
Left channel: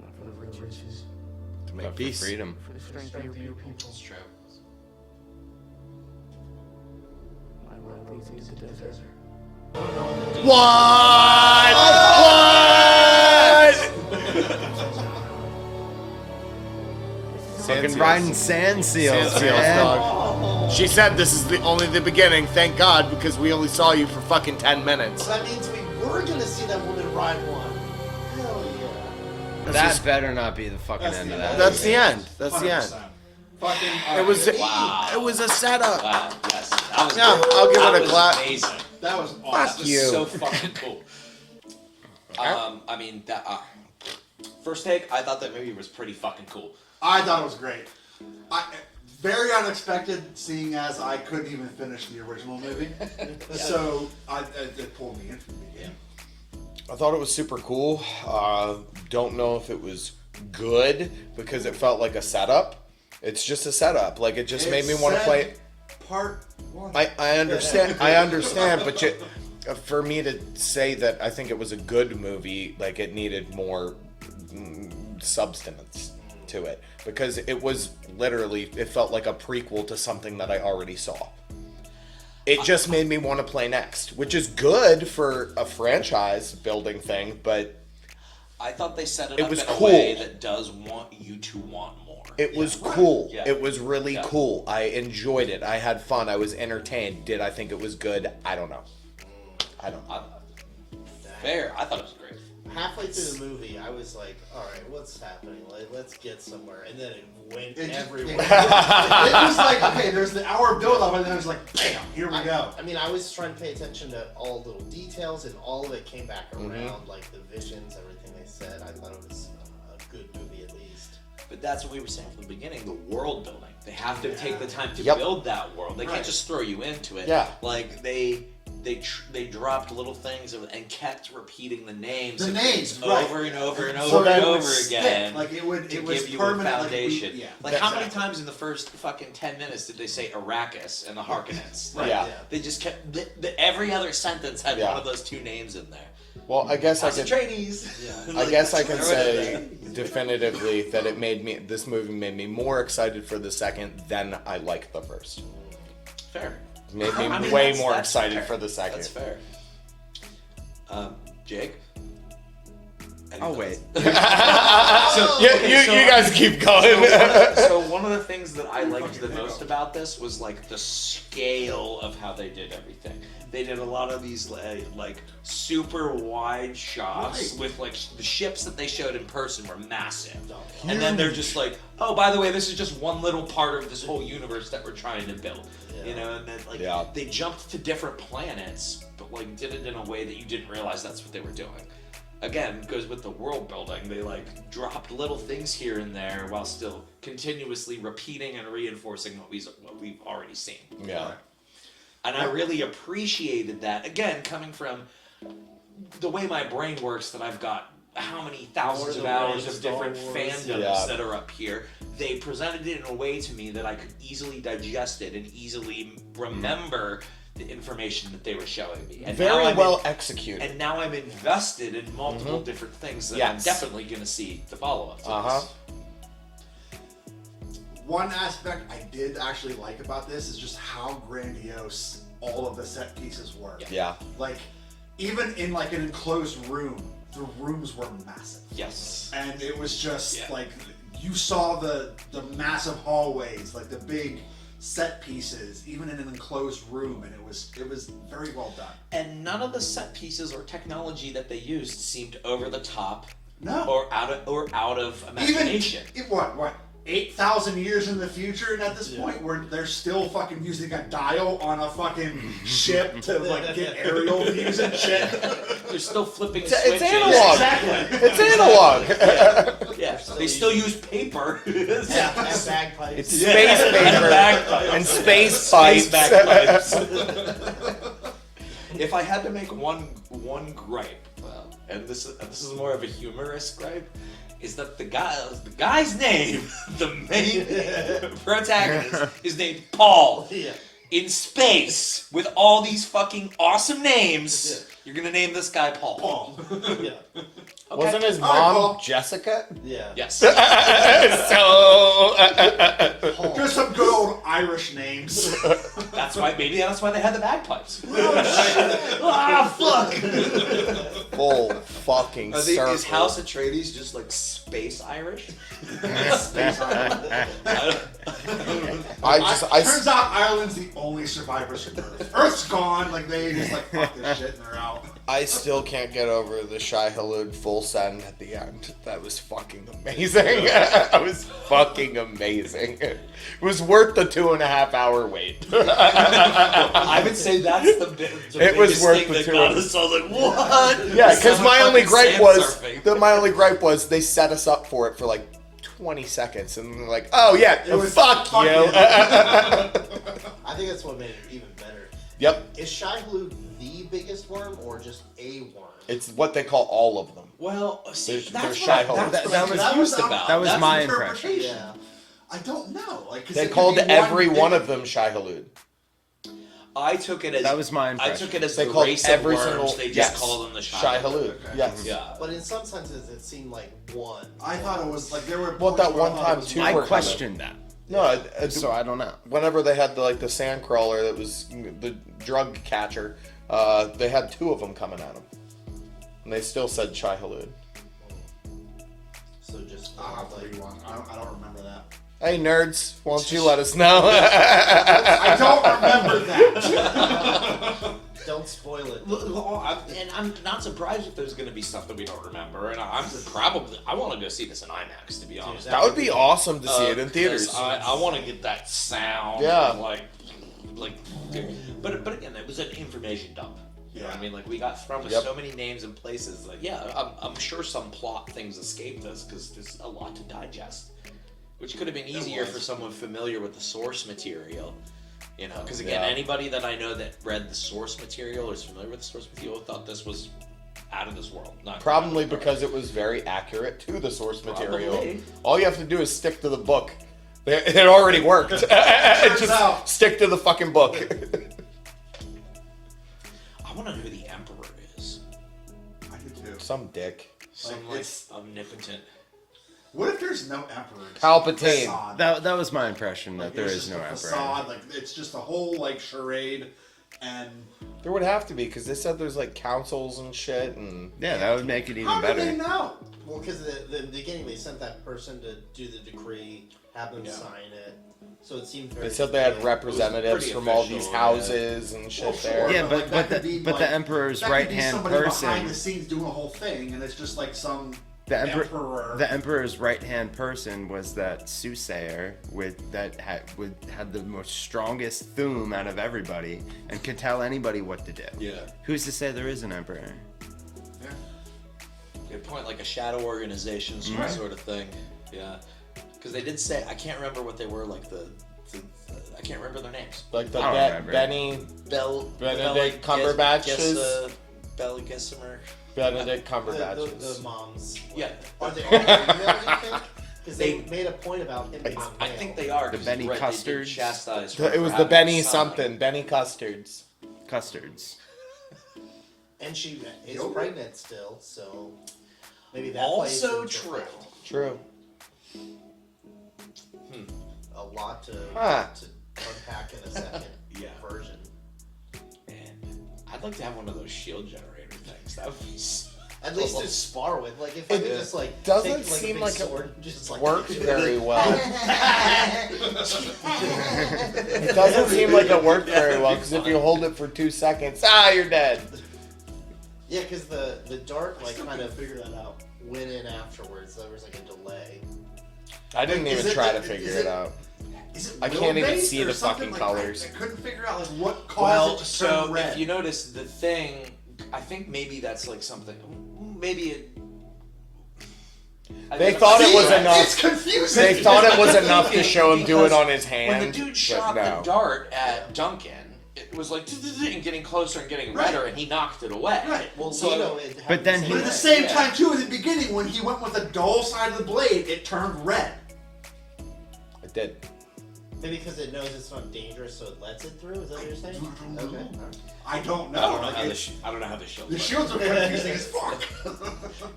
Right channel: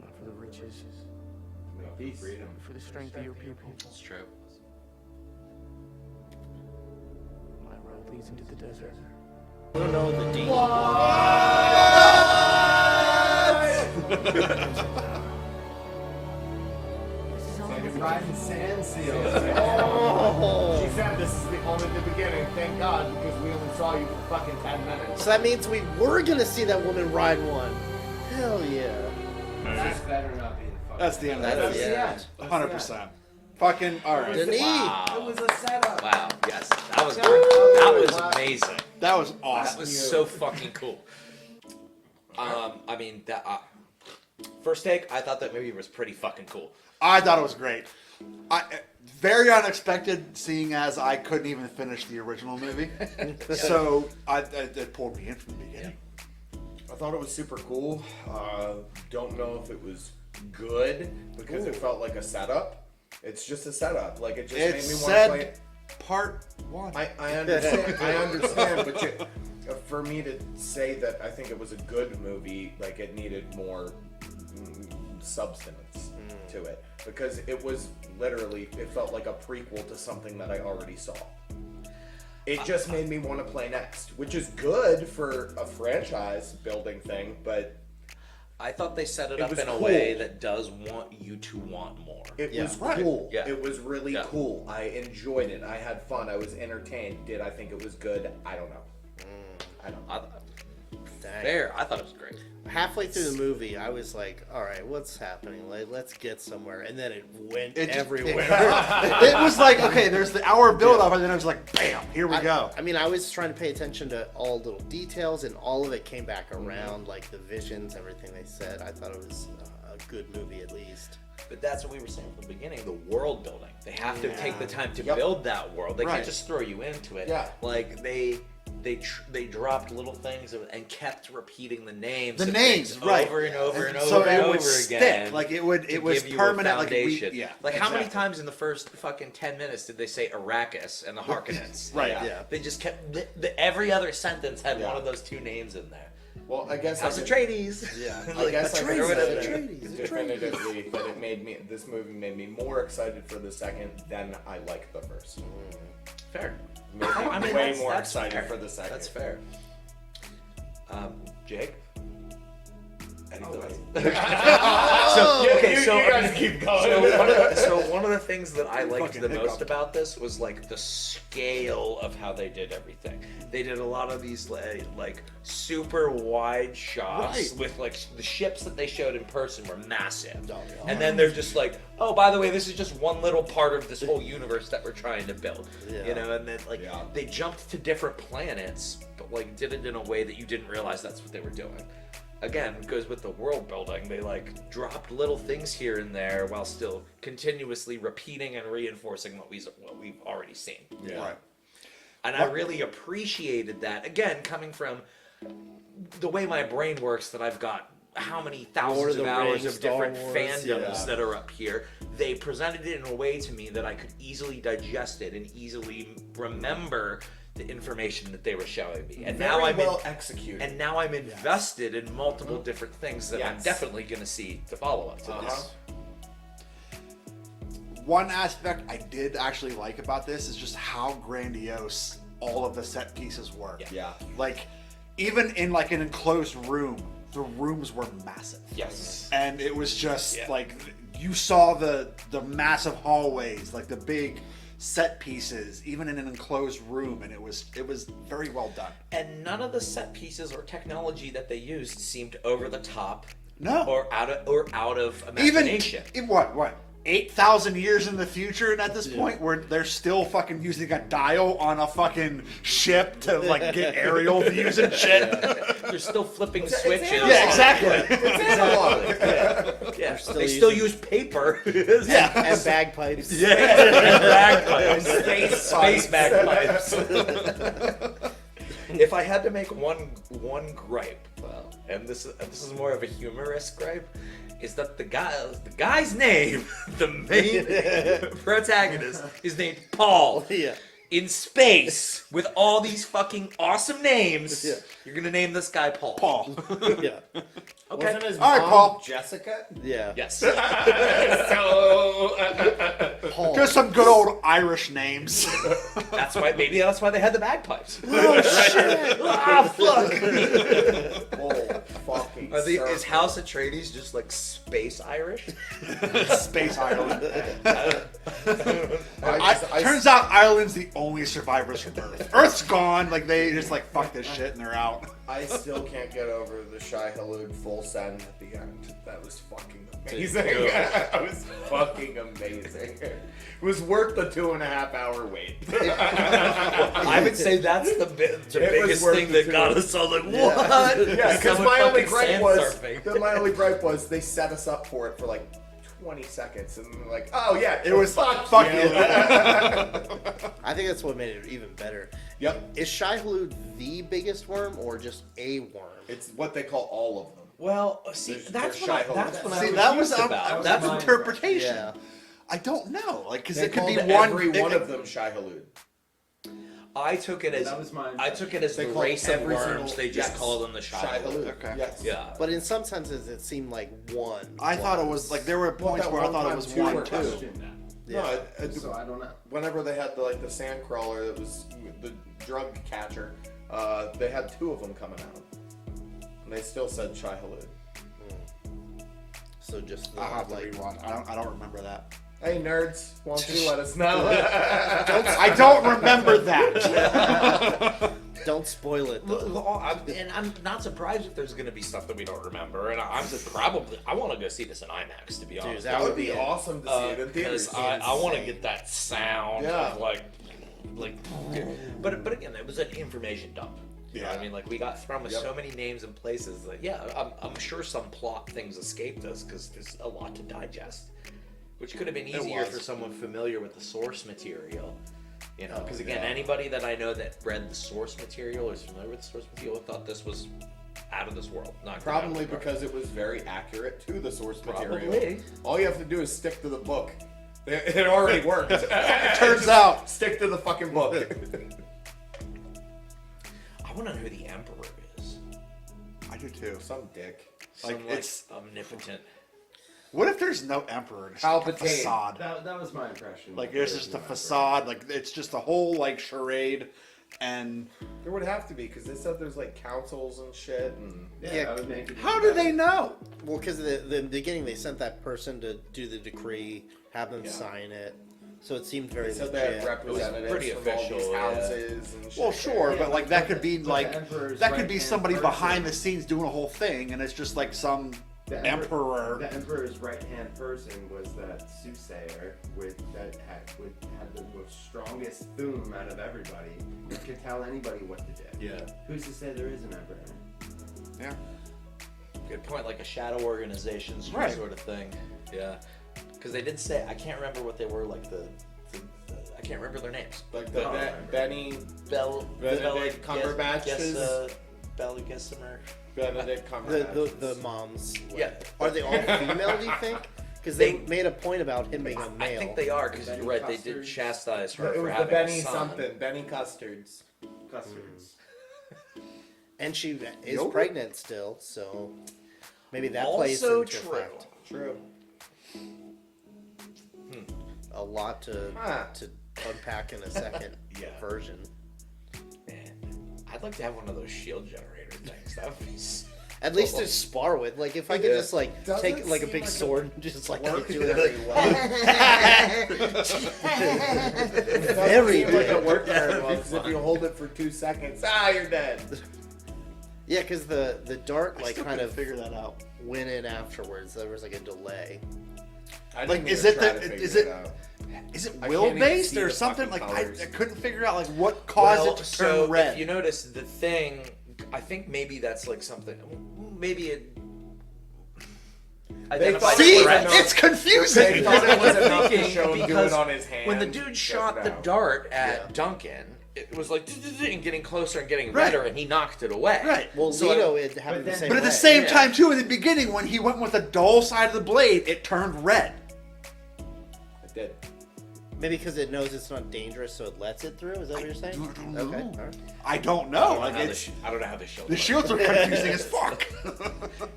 Not for the riches. To make peace. Freedom. For the strength of your people. It's true. My road leads into the desert. What? Fucking riding sand seals, Sand seals, man. dog. She said this is only the beginning. Thank God, because we only saw you for fucking 10 minutes. So that means we were gonna see that woman ride one. Hell yeah. That better not be the fucking That's end the of end. that. That's the end. That's the end. 100%. Fucking. It was. Wow. It was a setup. Wow, yes. That was Yeah, I'll give that it a was clap. amazing. That was awesome. That was so fucking cool. I mean, that first take, I thought that movie was pretty fucking cool. I thought it was great. Very unexpected, seeing as I couldn't even finish the original movie. So it pulled me in from the beginning. I thought it was super cool. Don't know if it was good because it felt like a setup. It's just a setup. Like it just made me want to play. Part 1. I understand. I understand, but for me to say that I think it was a good movie, like it needed more substance to it because it was literally, it felt like a prequel to something that I already saw. It just made me want to play next, which is good for a franchise building thing, but I thought they set it it up was in cool. a way that does want you to want more. It was cool. Yeah. It was really cool. I enjoyed it. I had fun. I was entertained. Did I think it was good? I don't know. I don't know. Fair. I thought it was great. halfway through the movie, I was like, all right, what's happening? Let's get somewhere. And then it went everywhere. It was like, okay, there's the hour build-up, and then it was like, bam, here we go. I mean, I was trying to pay attention to all little details, and all of it came back around, like the visions, everything they said. I thought it was a good movie, at least. But that's what we were saying from the beginning, the world building. They have to take the time to build that world. They can't just throw you into it. Yeah. Like, they dropped little things and kept repeating the names. The names, right. Over and over and so over and over stick. again. Like, it was give you permanent. a foundation. Like, how many times in the first fucking 10 minutes did they say Arrakis and the Harkonnens? Right. Yeah. They just kept, every other sentence had one of those two names in there. Well, I guess House I of can. Atreides. I guess I can say definitively that this movie made me more excited for the second than I liked the first. Fair. It made me way more excited for the second. That's fair. Jake. I'll wait. You guys keep going. So one of the things that I liked the most about this was like the scale of how they did everything. They did a lot of these like super wide shots with like the ships that they showed in person were massive. And then they're just like, oh, by the way, this is just one little part of this whole universe that we're trying to build. You know, and then like they jumped to different planets, but like did it in a way that you didn't realize that's what they were doing. Again, goes with the world building. They like dropped little things here and there while still continuously repeating and reinforcing what we've already seen. Yeah. And I really appreciated that. Again, coming from the way my brain works, that I've got how many thousands of hours of different fandoms that are up here. They presented it in a way to me that I could easily digest it and easily remember the information that they were showing me. And Very now well executed. And now I'm invested in multiple different things that I'm definitely going to see the follow-up to this. One aspect I did actually like about this is just how grandiose all of the set pieces were. Yeah. Like, even in like an enclosed room, the rooms were massive. Yes. And it was just like, you saw the massive hallways, like the big set pieces, even in an enclosed room, and it was very well done. And none of the set pieces or technology that they used seemed over the top. No. Or out of imagination. Even what 8,000 years in the future, and at this point where they're still fucking using a dial on a fucking ship to like get aerial views and shit. They're still flipping switches. It's analog. Yeah, exactly. It's analog. Yeah, they still use paper. And bagpipes. Space and space pipes. bagpipes. If I had to make one gripe, and this is more of a humorous gripe, is that the guy's name, the main protagonist, is named Paul. Yeah. In space, with all these fucking awesome names, you're gonna name this guy Paul. Paul. Yeah. Okay. Wasn't his All right, mom Paul. Jessica? Yeah. Yes. So Just some good old Irish names. That's why they had the bagpipes. Fuck. Full fucking circle. Is House Atreides just like space Irish? Space Island. Turns out Ireland's the only survivors from Earth. Earth's gone. Like, they just like fuck this shit and they're out. I still can't get over the Shai Hulud full send at the end. That was fucking amazing. That was fucking amazing. It was worth the 2.5 hour wait. I would say that's the biggest thing that got us all like, what? Yeah, because my only gripe was they set us up for it for like 20 seconds and they're like, oh yeah, it was fuck you. I think that's what made it even better. Yep. Is Shai Hulud the biggest worm or just a worm? It's what they call all of them. Well, see, They're Shai Hulud. That was my interpretation. Yeah. I don't know. Like, they called every one of them Shai Hulud. I took it as that was my impression. I took it as they the called race every of worms. single. They just call them the Shai Hulud. Okay. Yes. Yeah. But in some senses, it seemed like one. I thought it was like there were. Well, that one time too. I questioned that. No, so I don't know. Whenever they had the sand crawler that was the drug catcher, they had 2 of them coming at them, and they still said Shai Hulud. So just I'll have to read one. I don't remember that. Hey nerds, why don't you let us know? I don't remember that. Don't spoil it. And I'm not surprised if there's going to be stuff that we don't remember. And I want to go see this in IMAX, to be honest. That would be awesome to see it in theaters. I want to get that sound. Yeah. But again, it was an information dump. You know what I mean? Like, we got thrown with so many names and places. Like, yeah, I'm sure some plot things escaped us because there's a lot to digest. Which could have been easier for someone familiar with the source material. You know, because again, anybody that I know that read the source material or is familiar with the source material thought this was out of this world. Probably because it was very accurate to the source material. Probably. All you have to do is stick to the book. It already worked. Turns out. Stick to the fucking book. I want to know who the Emperor is. I do too. Some dick. Some omnipotent. What if there's no emperor? Palpatine. Facade? That was my impression. Like there it's is just no a emperor. facade. Like it's just a whole like charade, and There would have to be, because they said there's like councils and shit, and Yeah, that would make it even how better. do they know? Well, because the beginning they sent that person to do the decree, have them sign it. So it seemed very. they said they had legit. representatives from all these houses and shit. Well, sure, Yeah, but but- like that but could the- be but like the emperor's that could be right-hand somebody person- behind the scenes doing a whole thing, and it's just like some The emperor. The emperor's right-hand person was that soothsayer that had the most strongest thum out of everybody and could tell anybody what to do. Yeah. Who's to say there is an emperor? Yeah. Good point, like a shadow organization sort of thing. Yeah. Because they did say, I can't remember what they were, like I can't remember their names. Like the I don't remember. Benedict Cumberbatches. Bella Gessimer. Benedict Cumberbatches. The moms. Yeah. Are they all female, do you think? Because they made a point about him being a male. I think they are. The 'cause Benny they did Custards? chastise her It was for the having Benny a son. something. Benny Custards. Custards. And she is pregnant still, so maybe that plays Also into true. effect. True. A lot to unpack in a second version. Man, I'd like to have one of those shield generator things. That would be At least to spar with. Like if I could just like Doesn't take like a seem big like sword and just like works do very it. well. It doesn't seem like it worked very well, because if you hold it for 2 seconds, you're dead. Yeah, because the dart like kind of figure that out. went in afterwards. There was like a delay. I didn't Is even it try the- to figure is it it- out. Is it I will can't even based see or the something? fucking Like colors. I couldn't figure out like what caused it to turn so red. if you notice the thing, I think maybe that's like something. Maybe it. They thought it was enough. It's confusing. They thought it was enough to show him do it on his hand. When the dude but shot no. the dart at Duncan, it was like and getting closer and getting redder, and he knocked it away. Right. Well, So- Zito it But then- the But at the same same time, too, in the beginning, when he went with the dull side of the blade, it turned red. It did. maybe because it knows it's not dangerous, so it lets it through. Is that what you're saying? Okay. All right. I don't know. I don't know Like, how the it's, I don't know how the shield. the works. shields are confusing as fuck.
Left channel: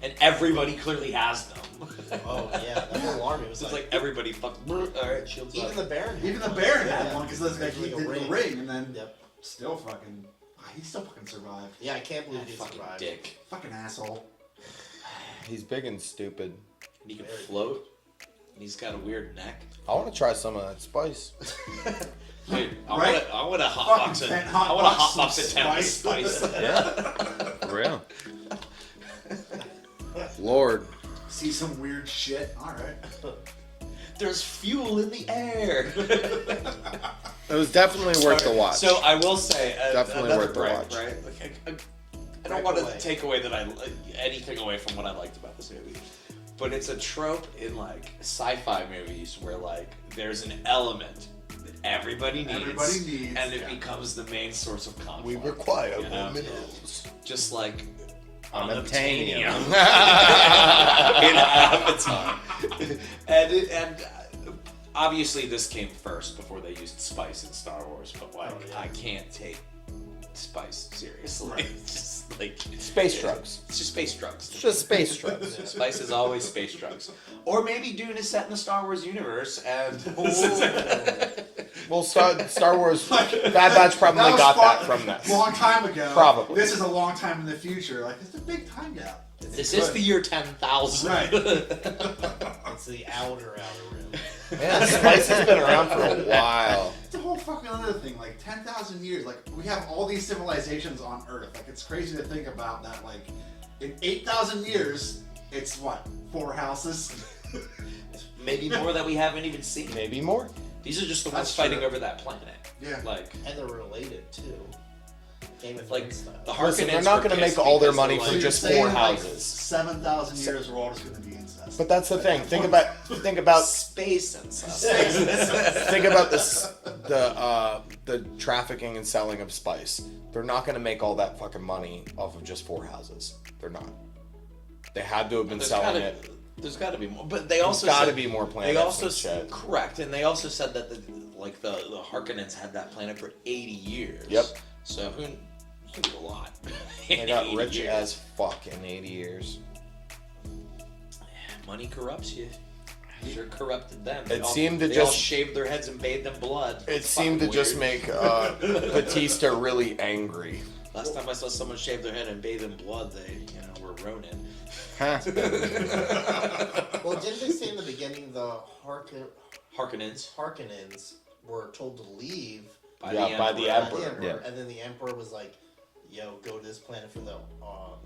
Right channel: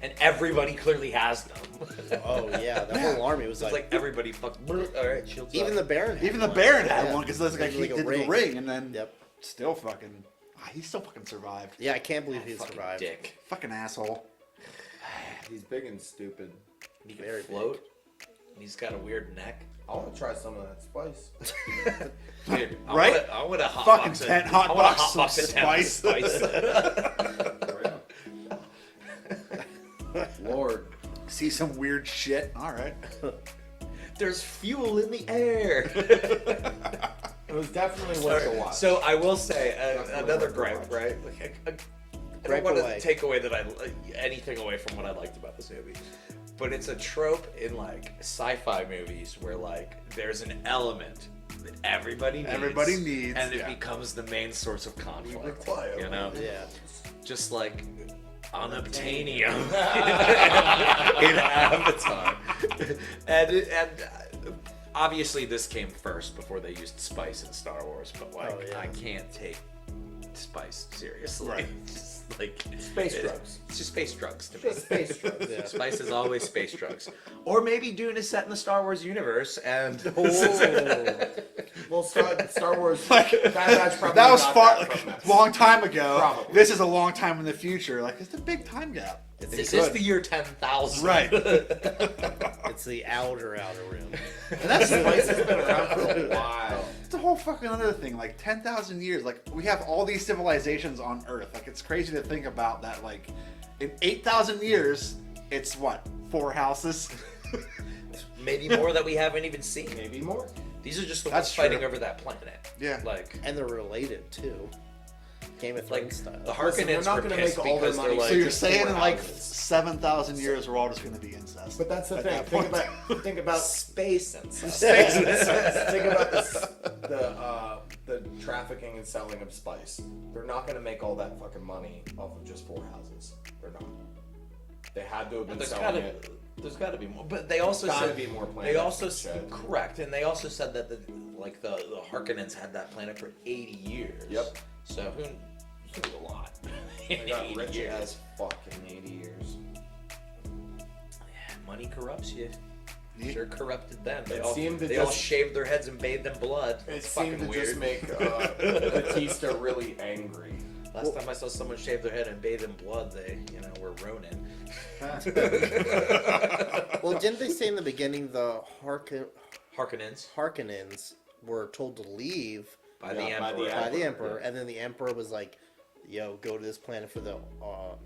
And everybody clearly has them. Oh yeah, the whole army was It's like. like everybody fucking. Alright, shields Even up. the Baron. had Even the one. Baron had Yeah. one because that's like he Like a did ring. the ring, and then Yep. still fucking. He still fucking survived. Yeah, I can't believe That he fucking survived. dick. Fucking asshole. He's big and stupid. He can Very float. He's got a weird neck. I want to try some of that spice. Dude, Right? I want to Fucking hotbox it. tent I want to hotbox some hotbox the tent with spice. spice. Yeah. For real. Lord. See some weird shit. All right. There's fuel in the air. It was definitely worth the watch. So I will say, Definitely another worth the gripe, watch. right? Like, I Gripe don't want away. to take away anything away from what I liked about this movie, but it's a trope in like sci-fi movies where like there's an element that everybody needs, and it becomes the main source of conflict. We require you know? minerals. Just like unobtainium Unobtainium. in Avatar, and obviously this came first before they used spice in Star Wars, but like Oh, yeah. I can't take spice seriously. Right. It's just like Space drugs. It's just space drugs. to It's me. just space drugs. Yeah. Spice is always space drugs. Or maybe Dune is set in the Star Wars universe and Well, Star Wars, Bad Batch probably That was got far, that from that. long time ago. Probably. This is a long time in the future. Like it's a big time gap. this is the year 10,000. Right. It's the outer rim. Yeah, spice has been around for a while. It's a whole fucking other thing. Like 10,000 years. Like we have all these civilizations on Earth. Like it's crazy to think about that. Like in 8,000 years, it's what 4 houses. Maybe more that we haven't even seen. Maybe more. These are just the That's ones fighting true. over that planet. Yeah. Like, And they're related too. Game of like Thrones style. the Listen, they're Harkonnens not were going to make pissed all their because money they're for like, just saying 4 like houses. 7,000 years, we're all just going to be incest. But that's the At thing. that Think point. about space and stuff. think about this the trafficking and selling of spice. They're not going to make all that fucking money off of just 4 houses. They're not. They had to have been selling it. There's got to be more, but they also got to said- be more planets. They also and shit. correct, and they also said that the Harkonnens had that planet for 80 years. Yep. So who knew a lot? They got 80 rich years. as fuck in 80 years. Money corrupts you. Sure corrupted them. It seemed to they all just- shaved their heads and bathed in blood. It seemed to Fucking just weird. make Batista really angry. Last time I saw someone shave their head and bathe in blood, they were Ronin. Well, didn't they say in the beginning the Harkonnens were told to leave by Yeah, the by Emperor. the by the Emperor. Emperor, and then the Emperor was like, "Yo, go to this planet for the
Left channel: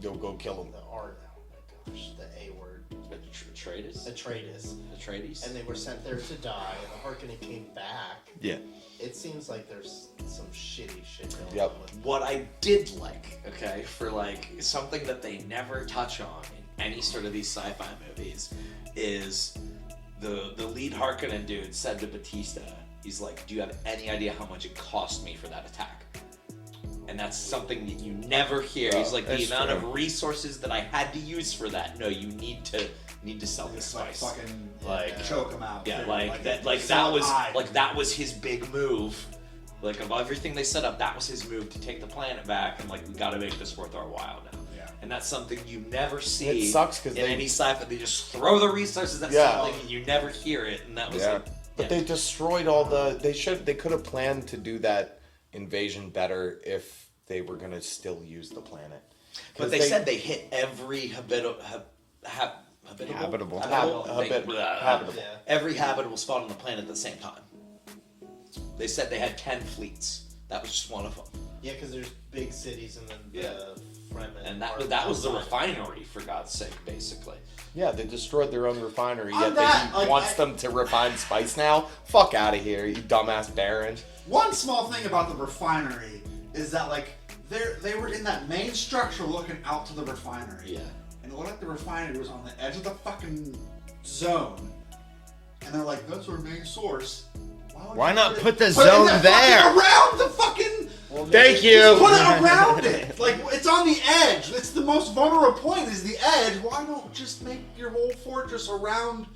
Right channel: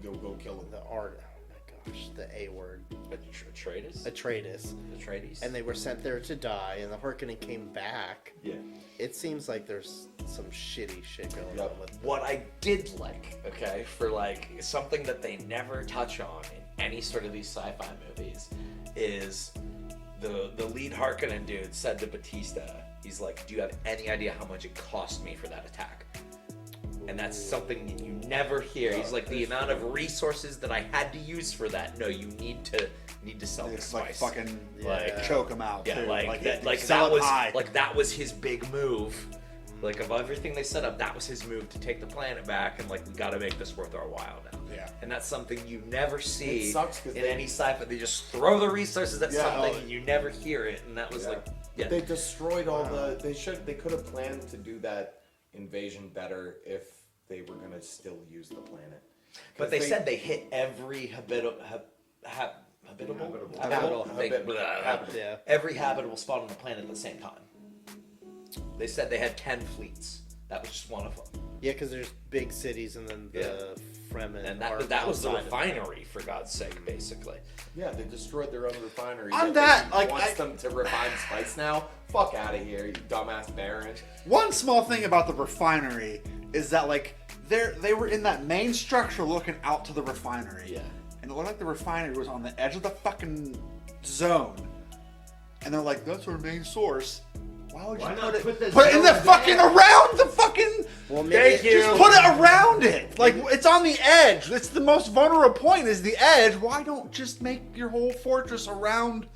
Go kill him. the art. Oh my gosh, the A word, Atreides. Atreides, and they were sent there to die, and the Harkonnen came back. Yeah. It seems like there's some shitty shit going Yep. on with What I did like, okay, for like something that they never touch on in any sort of these sci-fi movies, is the lead Harkonnen dude said to Batista, he's like, "Do you have any idea how much it cost me for that attack?" And that's something that you never hear. Yeah, He's like, the that's amount true. of resources that I had to use for that. No, you need to sell the It's like spice. fucking Like, choke them out. Yeah, too. like sell that it was high. that was his big move. Like of everything they set up, that was his move to take the planet back, and like we got to make this worth our while now. Yeah. And that's something you never see. It sucks 'cause in they- any sci-fi. They just throw the resources at Yeah. something, and you never hear it. And that was Yeah. like, But they destroyed all the. They could have planned to do that invasion better if they were gonna still use the planet. But they said they hit every habitable Habitable. Yeah. every habitable spot on the planet at the same time. They said they had 10 fleets. That was just one of them. Yeah, because there's big cities and then the Fremen. And that was the refinery, for God's sake, basically. Yeah, they destroyed their own refinery. On Yet that, they like, wants them to refine spice now. Fuck out of here, you dumbass Baron. One small thing about the refinery is that like they were in that main structure looking out to the refinery. Yeah. And it looked like the refinery was on the edge of the fucking zone. And they're like, that's our main source. would Why you not put the it zone in the there? Fucking around the fucking. Well, Thank you. Put it around it. Like it's on the edge. It's the most vulnerable point. Is the edge. Why don't just make your whole fortress around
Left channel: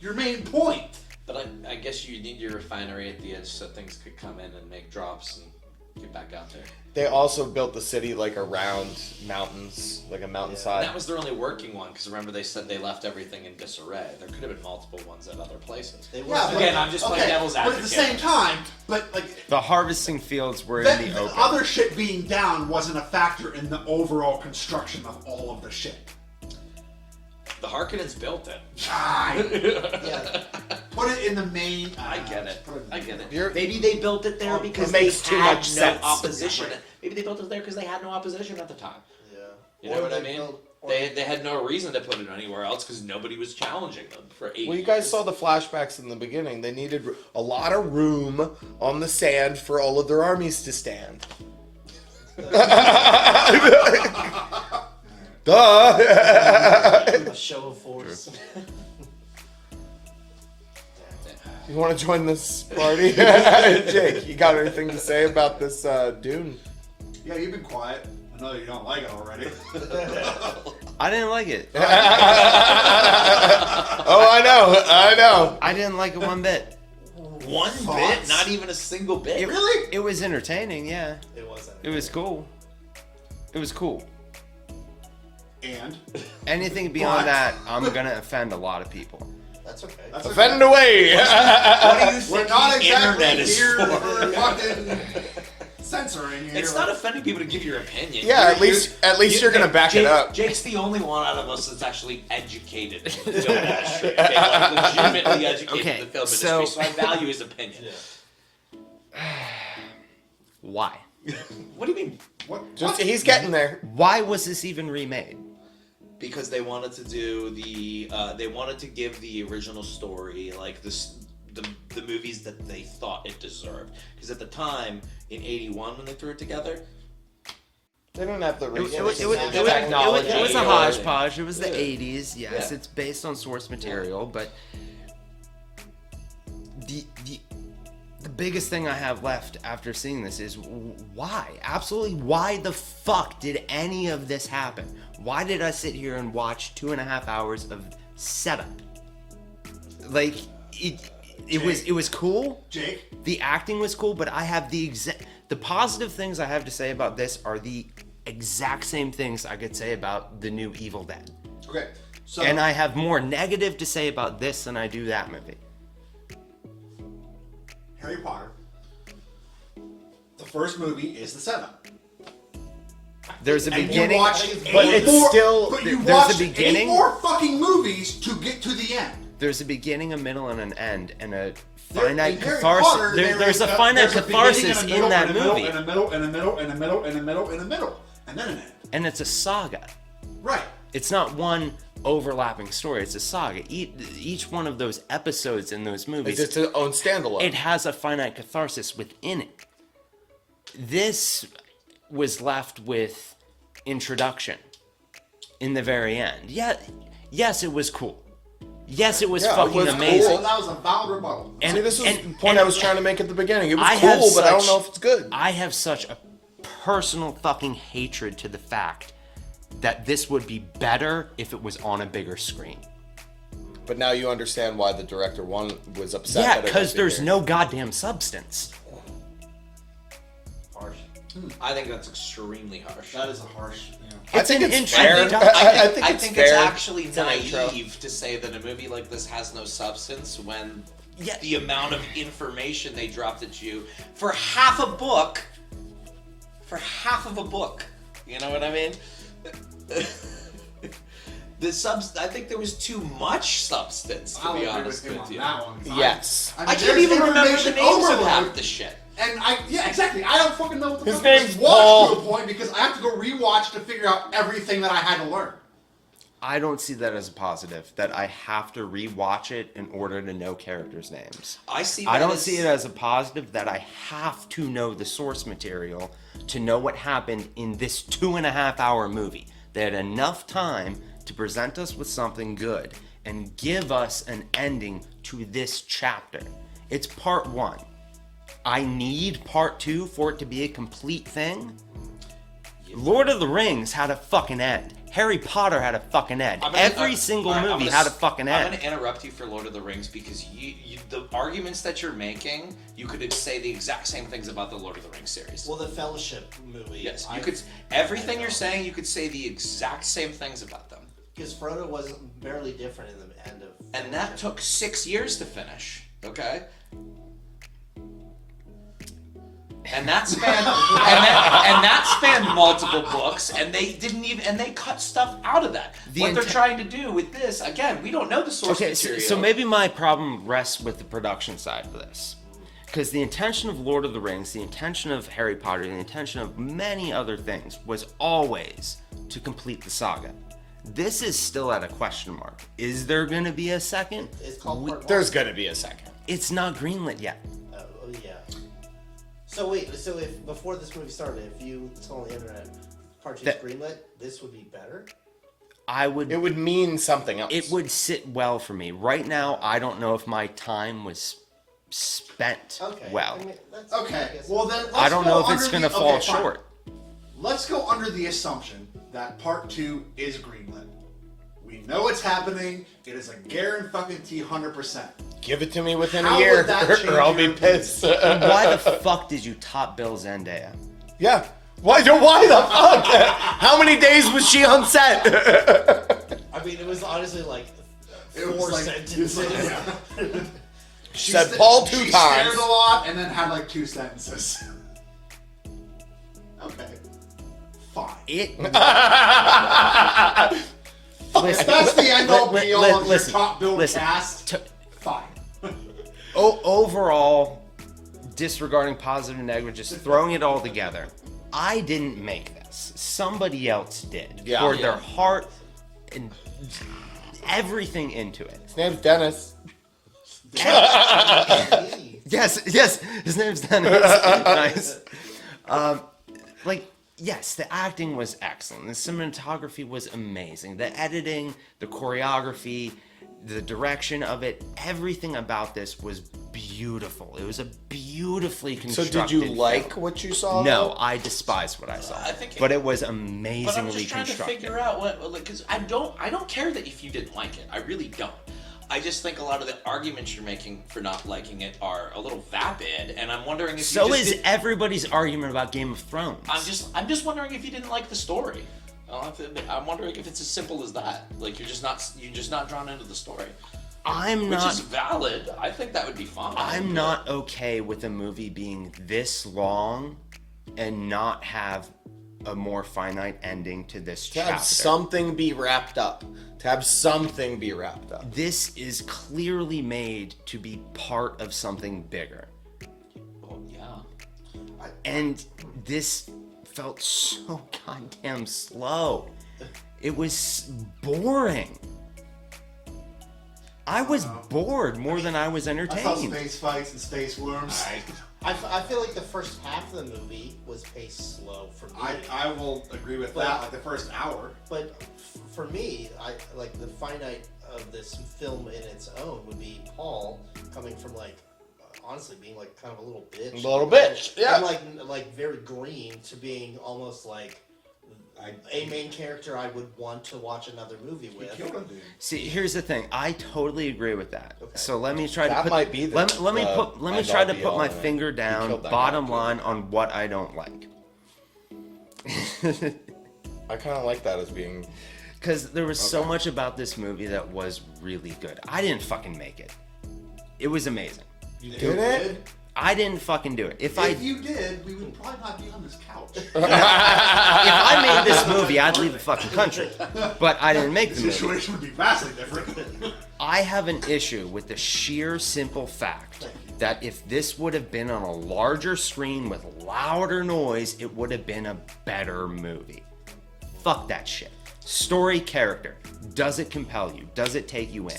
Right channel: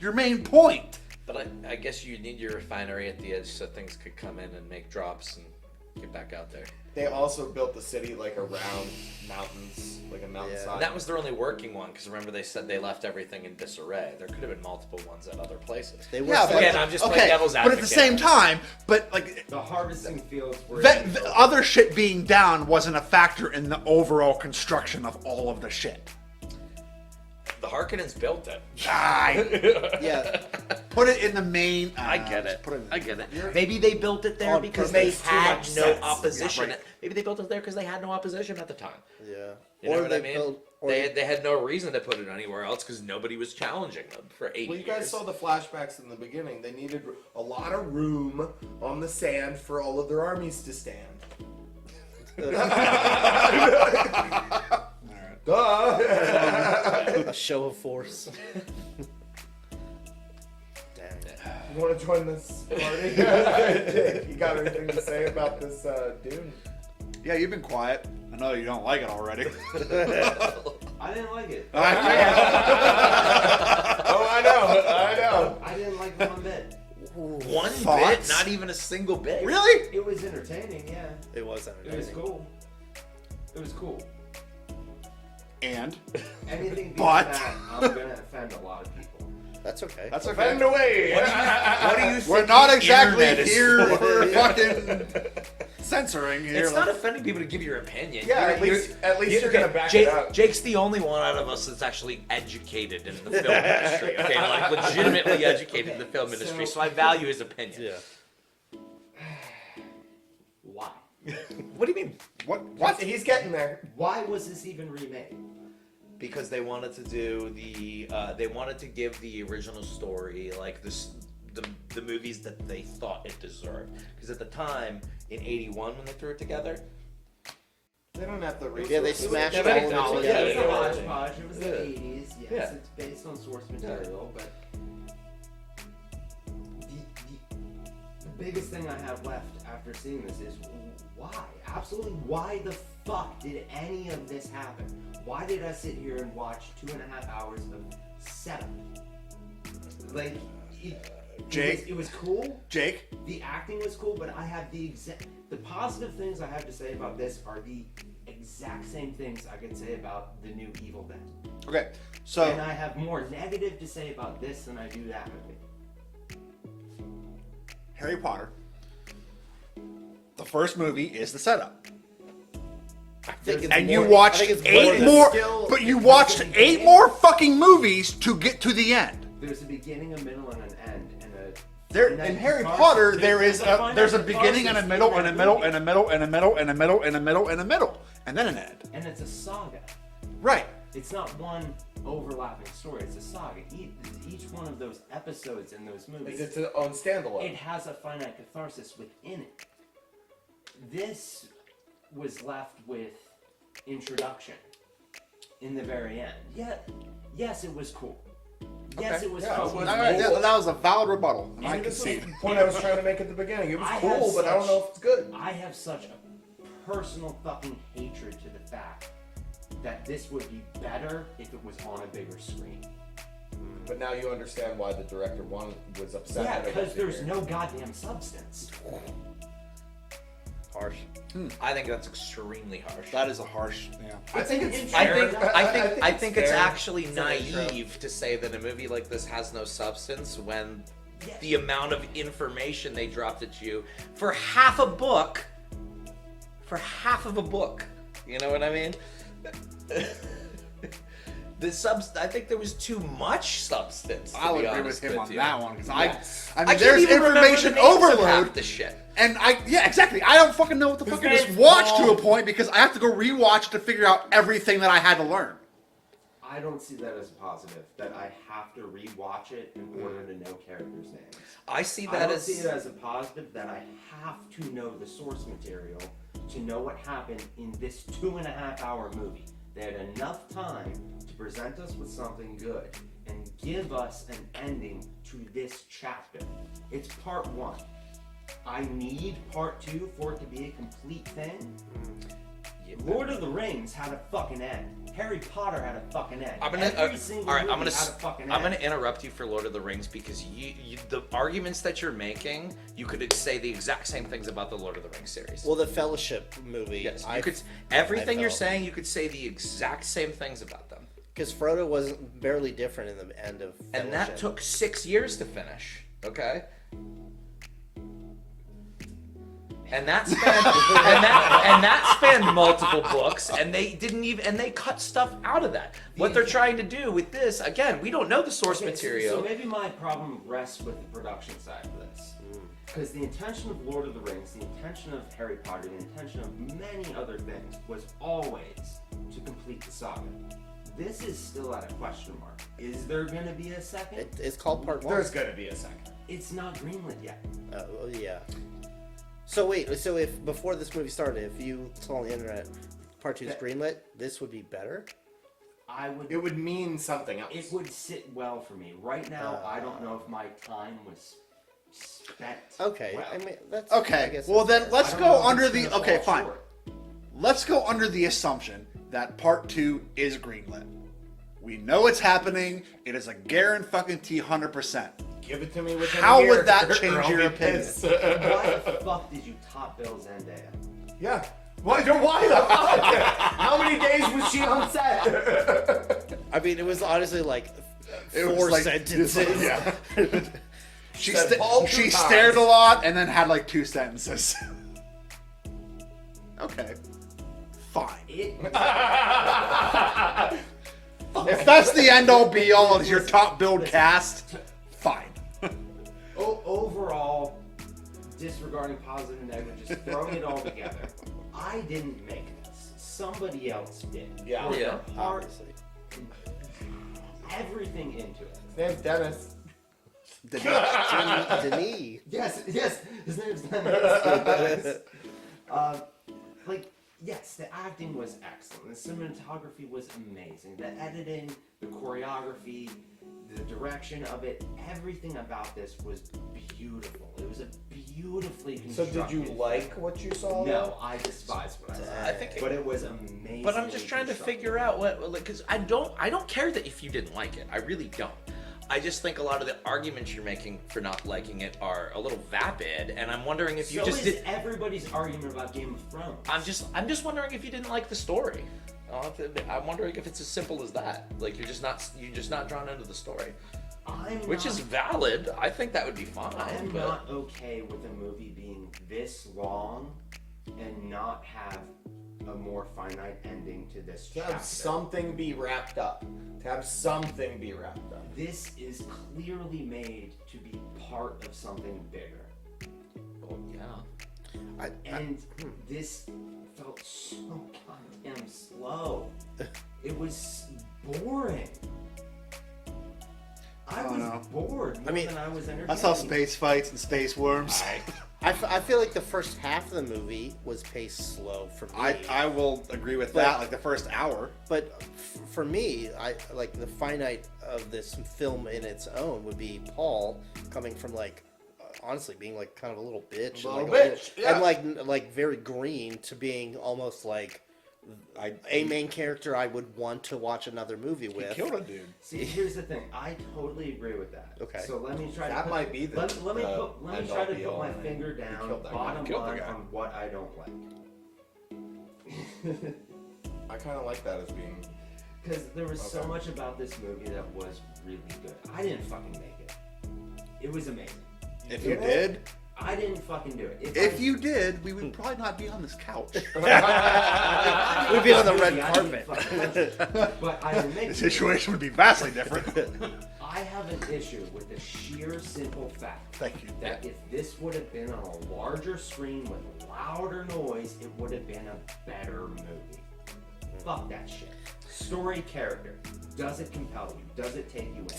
your main point? But I guess you need your refinery at the edge so things could come in and make drops and get back out there. They also built the city like around mountains, like a mountainside. And that was their only working one, because remember they said they left everything in disarray. There could have been multiple ones at other places. They were Yeah, but, Again, I'm just playing devil's but at advocate. the same time, but like The harvesting fields were that, in the the open. other shit being down wasn't a factor in the overall construction of all of the shit. The Harkonnens built it. Yeah. Put it in the main. I get it. Put it in the I get it. You're- Maybe they built it there Oh, because it they makes too had much no sense. opposition. Yeah, right. Maybe they built it there because they had no opposition at the time. Yeah. You know Or what they I mean? built- or They had no reason to put it anywhere else because nobody was challenging them for 8 Well, you years. guys saw the flashbacks in the beginning. They needed a lot of room on the sand for all of their armies to stand. Duh. A show of force. You want to join this party? Jake, you got anything to say about this Dune? Yeah, you've been quiet. I know you don't like it already. I didn't like it. Oh, I know. I didn't like it one bit. One bit, Thoughts? not even a single bit. Really? It was entertaining, yeah. It wasn't. It was cool. It was cool. And Anything beyond But- that, I'm gonna offend a lot of people. That's okay. that's Offend away. What do you think We're not the exactly internet is here for? for fucking censoring here. It's not offending people to give your opinion. Yeah, at least you're gonna back it up. Jake's the only one out of us that's actually educated in the film industry. Okay, like legitimately educated Okay, in the film so- industry, so I value his opinion. Yeah. Why? What do you mean? What? He's getting there. Why was this even remade? Because they wanted to do they wanted to give the original story like the movies that they thought it deserved. Because at the time, in '81 when they threw it together, They don't have the It was a hodgepodge. It was the 80s. Yes, it's based on source material, but the biggest thing I have left after seeing this is why? Absolutely, why the fuck did any of this happen? Why did I sit here and watch 2.5 hours of setup? Like it was cool. Jake, the acting was cool, but I have the positive things I have to say about this are the exact same things I could say about the new Evil Dead. Okay, so and I have more negative to say about this than I do that movie. Harry Potter. The first movie is the setup. There's a and beginning. you watched eight more, but you watched 8 more fucking movies to get to the end. There's a beginning, a middle, and an end, and a There, finite in Harry catharsis. Potter, There's a finite catharsis beginning and a in middle, that and a middle, movie, and a middle, and a middle, and a middle, and a middle, and a middle, and then an end. and it's a saga. Right. It's not one overlapping story. It's a saga. Each one of those episodes in those movies, It's its own standalone. it has a finite catharsis within it. This was left with introduction in the very end. Yeah, yes, it was cool. Yes, it was fucking amazing. Cool. That was a valid rebuttal. See, this was the point I was trying to make at the beginning. It was I cool, but I don't know if it's good. I have such a personal fucking hatred to the fact that this would be better if it was on a bigger screen. But now you understand why the director was upset. Yeah, that it because wasn't there's here. no goddamn substance. Harsh. I think that's extremely harsh. That is a harsh. Yeah. I think it's intro- fair. I it's think fair. it's actually It's an intro. naive to say that a movie like this has no substance when Yeah. the amount of information they dropped at you for half a book. For half of a book. You know what I mean? I think there was too much substance. To I'll be agree honest with him with on you. that one. 'Cause Yes. I I mean, can't there's even remember the information names of overload. half the shit. And yeah, exactly. I don't fucking know what the His fuck I just name's watched Paul. to a point because I have to go rewatch to figure out everything that I had to learn. I don't see that as a positive, that I have to rewatch it in order to know characters' names. I see. I that don't as- see it as a positive that I have to know the source material to know what happened in this 2.5 hour movie. They had enough time to present us with something good and give us an ending to this chapter. It's part 1. I need part 2 for it to be a complete thing. Lord of the Rings had a fucking end. Harry Potter had a fucking end. Every single movie had a fucking end. I'm going to interrupt you for Lord of the Rings because the arguments that you're making, you could say the exact same things about the Lord of the Rings series. Well, the Fellowship movie. Yes, you could. Everything you're saying, you could say the exact same things about them. Because Frodo was barely different in the end of. And that took 6 years to finish. Okay. And that spanned and that spanned multiple books, and they didn't even and they cut stuff out of that. What they're trying to do with this, again, we don't know the source material. So maybe my problem rests with the production side of this. Because the intention of Lord of the Rings, the intention of Harry Potter, the intention of many other things was always to complete the saga. This is still at a question mark. Is there going to be a second? It's called part 1. There's going to be a second. It's not greenlit yet. Oh, yeah. So wait, so if before this movie started, if you told on the internet part 2's greenlit, this would be better? It would mean something else. It would sit well for me. Right now, I don't know if my time was spent well. I mean, that's, Okay, I guess well then I let's don't go know if under it's gonna the fall okay, fine. short. Let's go under the assumption that part 2 is greenlit. We know it's happening. It is a guarantee fucking 100%. Give it to me within How a year, would that change or I'll your be pissed. Why the fuck did you top bill Zendaya? Yeah. Why the fuck? How many days was she on set? I mean, it was honestly like It 4 was like- sentences. yeah. She Said Paul 2 She times. stared a lot and then had like 2 sentences. Okay. Fine. If that's the end all be all of your top build cast, fine. Overall, disregarding positive and negative, just throwing it all together. I didn't make this. Somebody else did. Yeah. For their heart and everything into it. His name's Dennis. Yes, his name's Dennis. Nice. Yes, the acting was excellent. The cinematography was amazing. The editing, the choreography, the direction of it, everything about this was beautiful. It was a beautifully constructed So did you film. like what you saw? No, I despised what I saw. But it was amazingly But I'm just trying constructed. to figure out what, because I don't care that if you didn't like it. I really don't. I just think a lot of the arguments you're making for not liking it are a little vapid, and I'm wondering if So you just is everybody's argument about Game of Thrones. I'm just wondering if you didn't like the story. I'm wondering if it's as simple as that. Like you're just not drawn into the story. Which is valid. I think that would be fine. I'm not okay with a movie being this long and not have a more finite ending to this To chapter. have something be wrapped up. This is clearly made to be part of something bigger. Oh, yeah. And this felt so goddamn slow. It was boring. I was bored more than I was entertained. I saw space fights and space worms. I feel like the first half of the movie was paced slow for me. I will agree with that, like the first hour. But for me, I like the finite of this film in its own would be Paul coming from honestly being like kind of a little bitch. Yeah. And like very green to being almost like a main character I would want to watch another movie with. See, here's the thing. I totally agree with that. Okay. So let me try to That put, might be the- let me try to put my man. finger He down, killed that bottom guy, killed line that guy. on what I don't like. I kind of like that as being... Because there was so much about this movie that was really good. I didn't fucking make it. It was amazing. You did? I didn't fucking do it. If you did, we would probably not be on this couch. If I made this movie, I'd leave the fucking country. But I didn't make the movie. situation would be vastly different. I have an issue with the sheer simple fact that if this would have been on a larger screen with louder noise, it would have been a better movie. Fuck that shit. Story, character. Does it compel you? Does it take you in?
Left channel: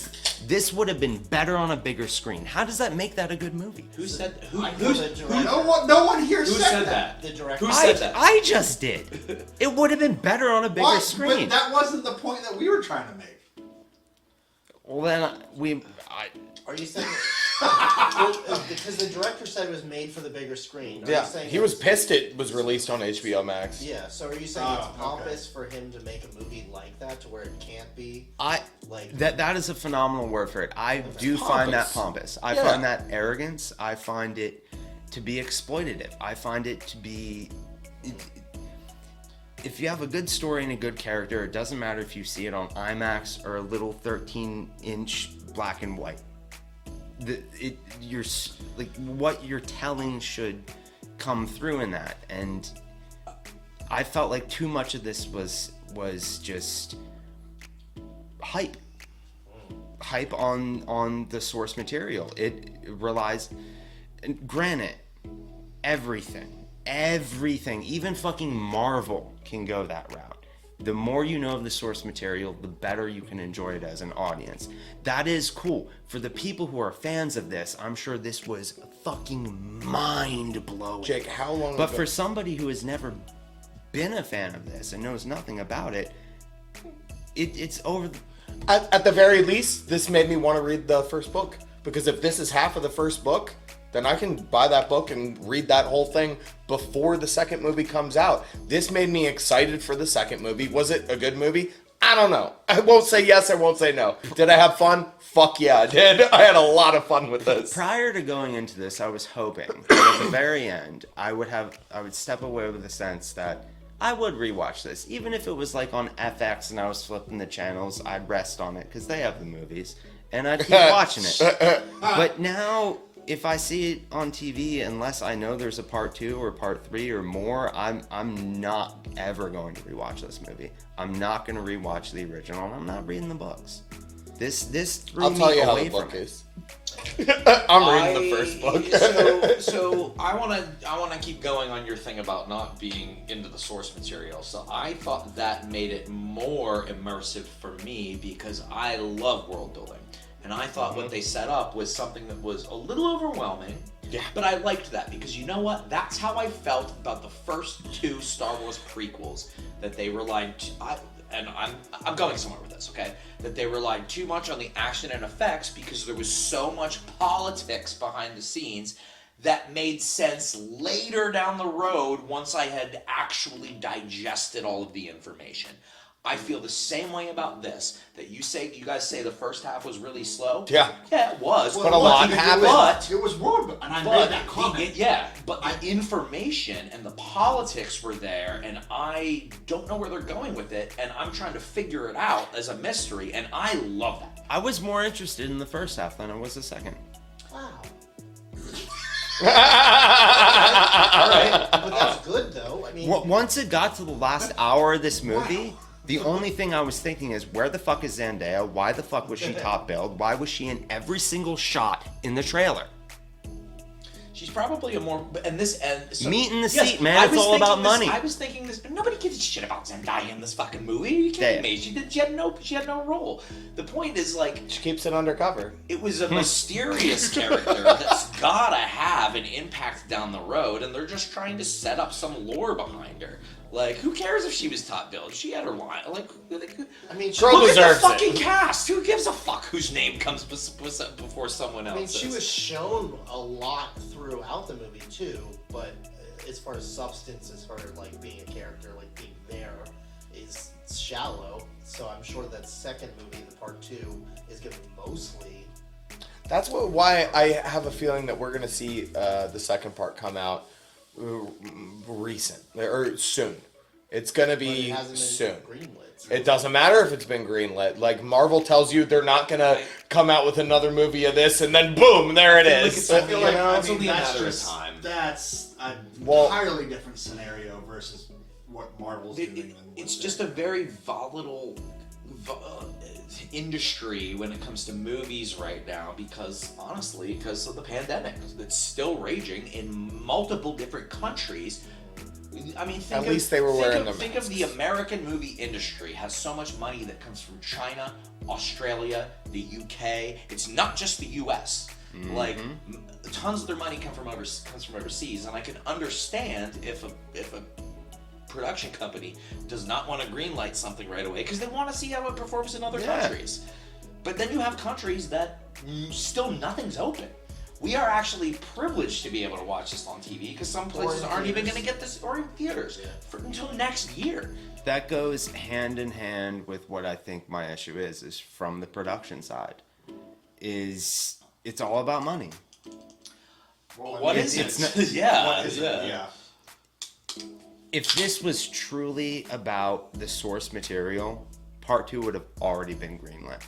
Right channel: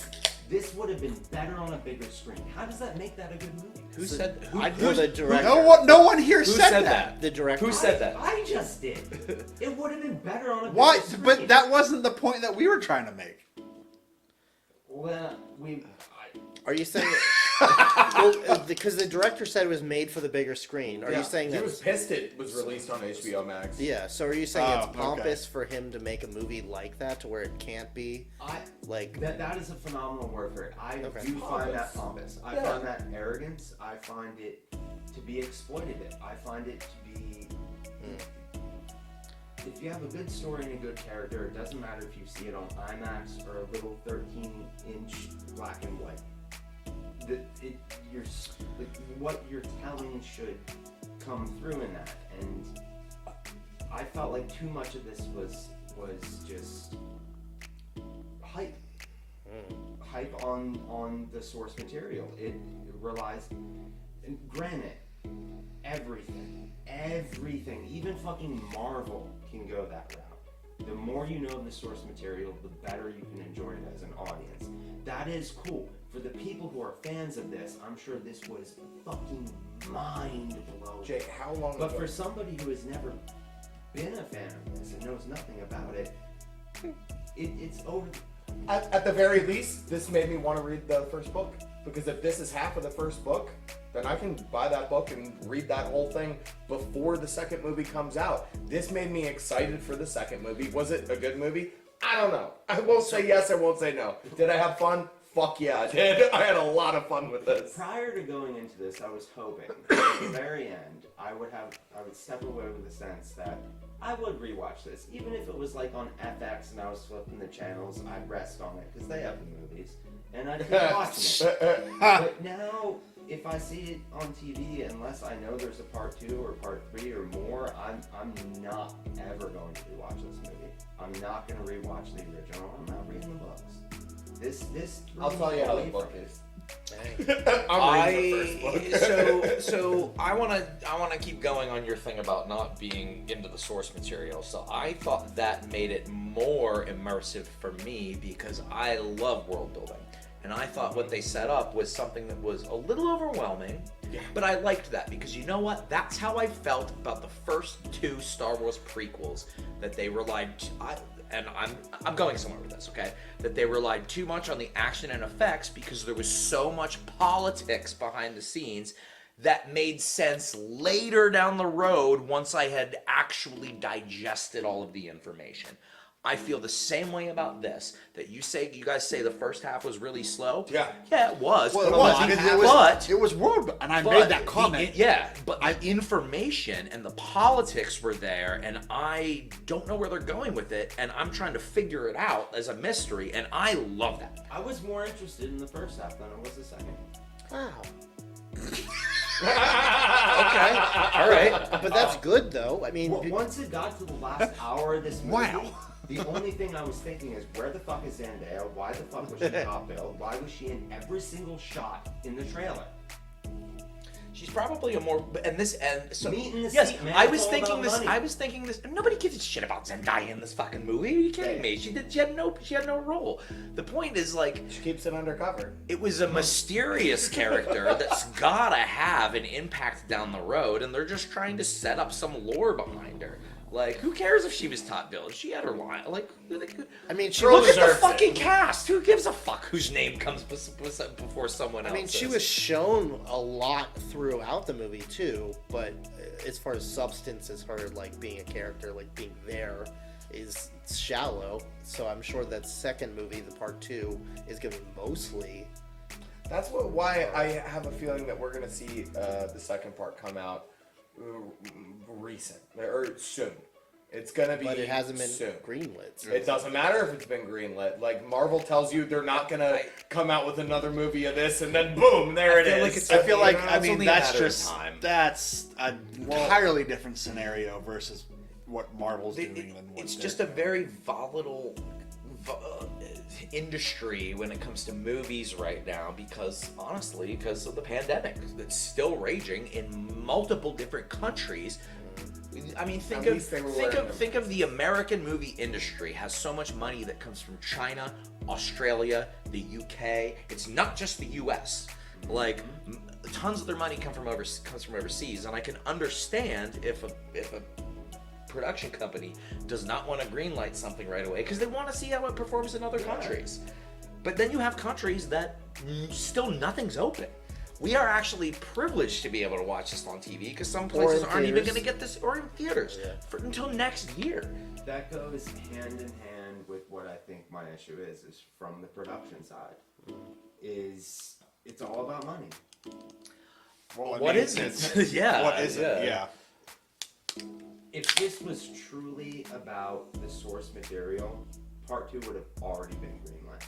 This would have been better on a bigger screen. How does that make that a good movie? Who said The director. No one here Who said said that. that? The director. Who said that? I just did. It would have been better on a bigger Why? screen. But that wasn't the point that we were trying to make. Well, then Are you saying because the director said it was made for the bigger screen? Are Yeah, you saying he was pissed it was released on HBO Max. Yeah, so are you saying it's Oh, okay. pompous for him to make a movie like that to where it can't be like that is a phenomenal word for it. I do find that pompous. I Yeah. find that arrogance. I find it to be exploitative. I find it to be. If you have a good story and a good character, it doesn't matter if you see it on IMAX or a little 13-inch black and white. What you're telling should come through in that, and I felt like too much of this was just hype on the source material. It relies, and granted, everything, even fucking Marvel can go that route. The more you know of the source material, the better you can enjoy it as an audience. That is cool. For the people who are fans of this, I'm sure this was fucking mind-blowing. Jake, how long But ago? for somebody who has never been a fan of this and knows nothing about it, it's over. At the very least, this made me want to read the first book. Because if this is half of the first book, then I can buy that book and read that whole thing before the second movie comes out. This made me excited for the second movie. Was it a good movie? I don't know. I won't say yes, I won't say no. Did I have fun? Fuck yeah, I did. I had a lot of fun with this. Prior to going into this, I was hoping that at the very end, I would step away with the sense that I would rewatch this. Even if it was like on FX and I was flipping the channels, I'd rest on it because they have the movies. And I'd keep watching it. But now, if I see it on TV, unless I know there's a part 2 or part 3 or more, I'm not ever going to rewatch this movie. I'm not going to rewatch the original. I'm not reading the books. This threw I'll tell me you how away the book from it. is. I'm reading the first book. so I wanna keep going on your thing about not being into the source material. So I thought that made it more immersive for me because I love world building. And I thought what they set up was something that was a little overwhelming. Yeah. But I liked that because you know what? That's how I felt about the first 2 Star Wars prequels. That they relied, I'm going somewhere with this, okay? That they relied too much on the action and effects because there was so much politics behind the scenes that made sense later down the road once I had actually digested all of the information. I feel the same way about this. That you guys say the first half was really slow. Yeah. Yeah, it was. But a lot happened. It was world, and I made that comment. But the information and the politics were there, and I don't know where they're going with it, and I'm trying to figure it out as a mystery, and I love that. I was more interested in the first half than I was the second. Wow. All right. But that's good, though. I mean, Once it got to the last hour of this movie, the only thing I was thinking is, where the fuck is Zendaya? Why the fuck was she top billed? Why was she in every single shot in the trailer? She's probably a more meat in the seat, man. It's all about money. I was thinking this. Nobody gives a shit about Zendaya in this fucking movie. Are you kidding me? She had no role. The point is she keeps it undercover. It was a mysterious character that's gotta have an impact down the road, and they're just trying to set up some lore behind her. Like, who cares if she was top billed? She had her line. Like, I mean, she look at the fucking cast. Who gives a fuck whose name comes before someone else? I mean, she was shown a lot throughout the movie too, but as far as substance, as far as like being a character, like being there, is shallow. So I'm sure that second movie, the part 2, is going to be mostly. That's why I have a feeling that we're gonna see the second part come out recent or soon. It's gonna be But it hasn't been soon. greenlit. It doesn't matter if it's been greenlit. Like Marvel tells you they're not gonna come out with another movie of this, and then boom, there it is. I feel like it's only a that's matter of just time. that's an entirely different scenario versus what Marvel's doing. It's just a very volatile industry when it comes to movies right now because of the pandemic that's still raging in multiple different countries. I mean, think of the American movie industry has so much money that comes from China, Australia, the UK. It's not just the US. Mm-hmm. Like tons of their money comes from overseas, and I can understand if a production company does not want to greenlight something right away because they want to see how it performs in other countries. But then you have countries that still nothing's open. We are actually privileged to be able to watch this on TV because some places aren't even going to get this, or in theaters, until next year. That goes hand in hand with what I think my issue is from the production side. It's all about money. Well, what is it? Yeah. What is it? Yeah. If this was truly about the source material, part 2 would have already been greenlit.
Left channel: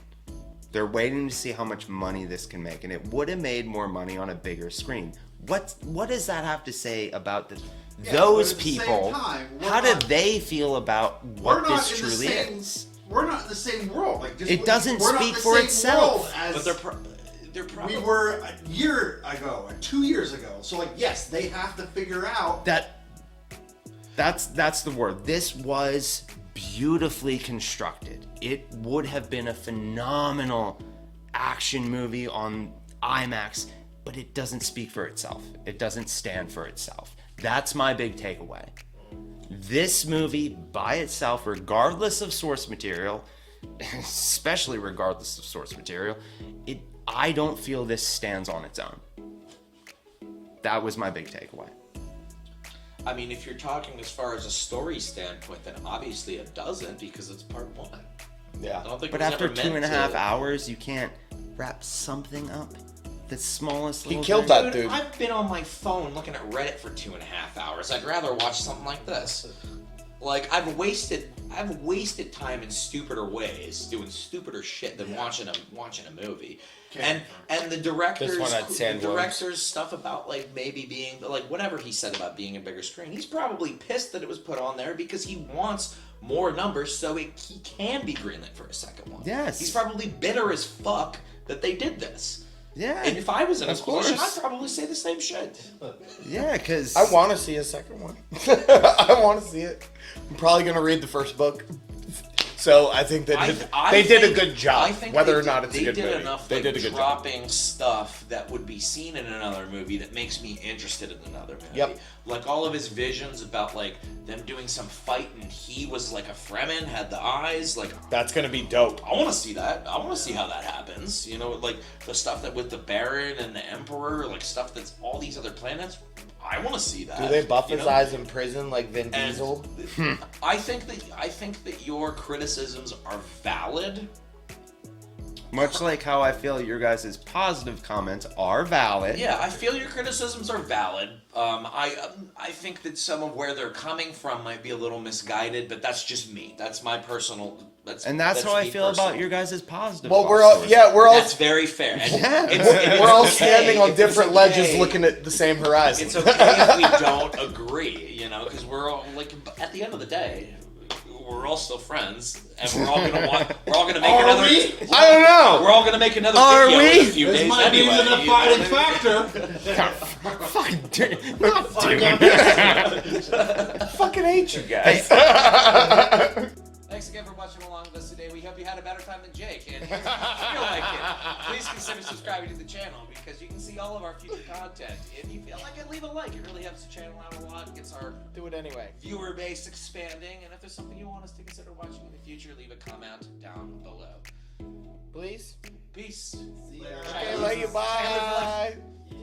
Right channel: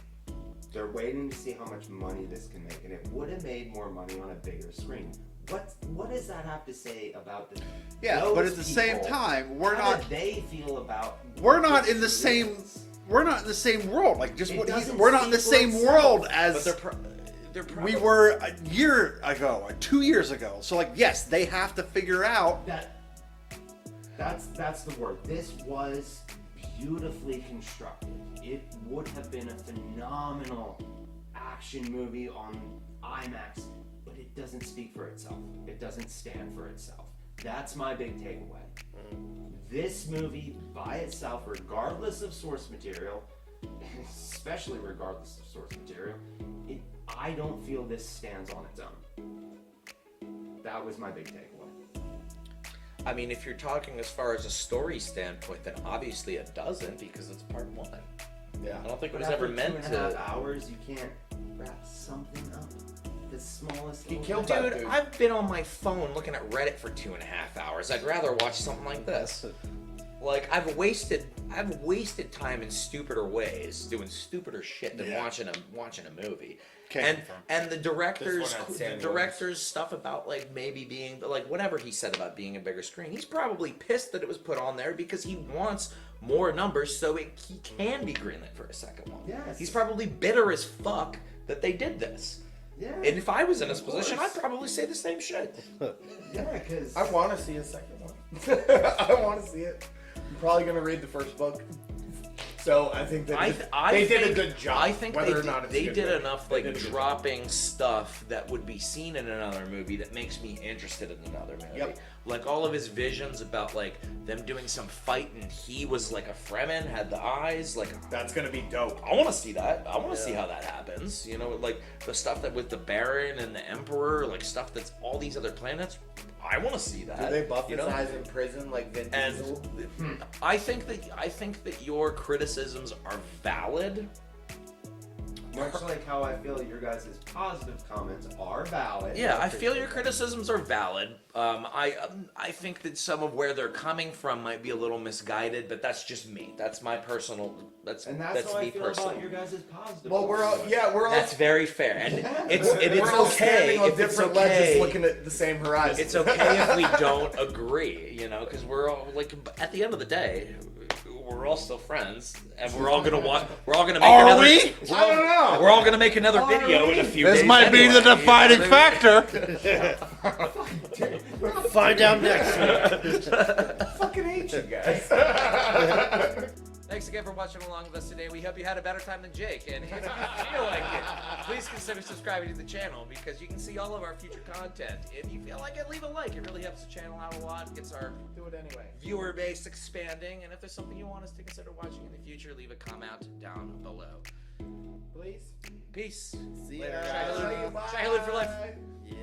They're waiting to see how much money this can make, and it would have made more money on a bigger screen. What does that have to say about those people? At the same time, how do they feel about we're what not this in the truly same is? We're not in the same world. Like just it doesn't we're speak not in the for same itself. world as they're probably, we were a year ago, 2 years ago. So like yes, they have to figure out that's the word. This was beautifully constructed. It would have been a phenomenal action movie on IMAX, but it doesn't speak for itself. It doesn't stand for itself. That's my big takeaway. This movie by itself, regardless of source material, especially regardless of source material, I don't feel this stands on its own. That was my big takeaway. I mean, if you're talking as far as a story standpoint, then obviously it doesn't because it's part 1. Yeah. I don't think But it was after ever 2.5 hours, you can't wrap something up. The smallest He little killed thing. that dude. I've been on my phone looking at Reddit for 2.5 hours. I'd rather watch something like this. Like I've wasted time in stupider ways, doing stupider shit than watching a movie. And the director's stuff about like maybe being like whatever he said about being a bigger screen. He's probably pissed that it was put on there because he wants more numbers so he can be greenlit for a second one. Yes. He's probably bitter as fuck that they did this. Yeah. And if I was in Of his position, course. I'd probably say the same shit. Yeah, because I want to see a second one. I want to see it. I'm probably gonna read the first book. So I think that they did a good job. Whether or not it's a good movie, they did enough. They did a good dropping stuff that would be seen in another movie that makes me interested in another movie. Yep. Like all of his visions about like them doing some fight and he was like a Fremen, had the eyes. Like that's gonna be dope. I want to see that. I want to see how that happens. You know, like the stuff that with the Baron and the Emperor, like stuff that's all these other planets. I want to see that. Do they buff his eyes in prison like Vin Diesel? I think that your criticisms are valid. much like how I feel your guys' positive comments are valid. Yeah, I feel your criticisms are valid. I think that some of where they're coming from might be a little misguided, but that's just me. That's my personal. That's how I feel about your guys' positive. Well, we're all. That's very fair. And we're all standing on different ledges, looking at the same horizon. It's okay if we don't agree, you know, because we're all like at the end of the day, we're all still friends, and we're all gonna We're all gonna make Are another. we? I don't know. We're all gonna make another Are video. we? In a few This days might be the anyway, defining you know? factor. Fucking hate you guys. Thanks again for watching along with us today. We hope you had a better time than Jake. And if you feel like it, please consider subscribing to the channel because you can see all of our future content. If you feel like it, leave a like. It really helps the channel out a lot. Gets our viewer base expanding. And if there's something you want us to consider watching in the future, leave a comment down below. Please. Peace. See you Later. guys. Love you. Bye. Say hello to the left. Yeah.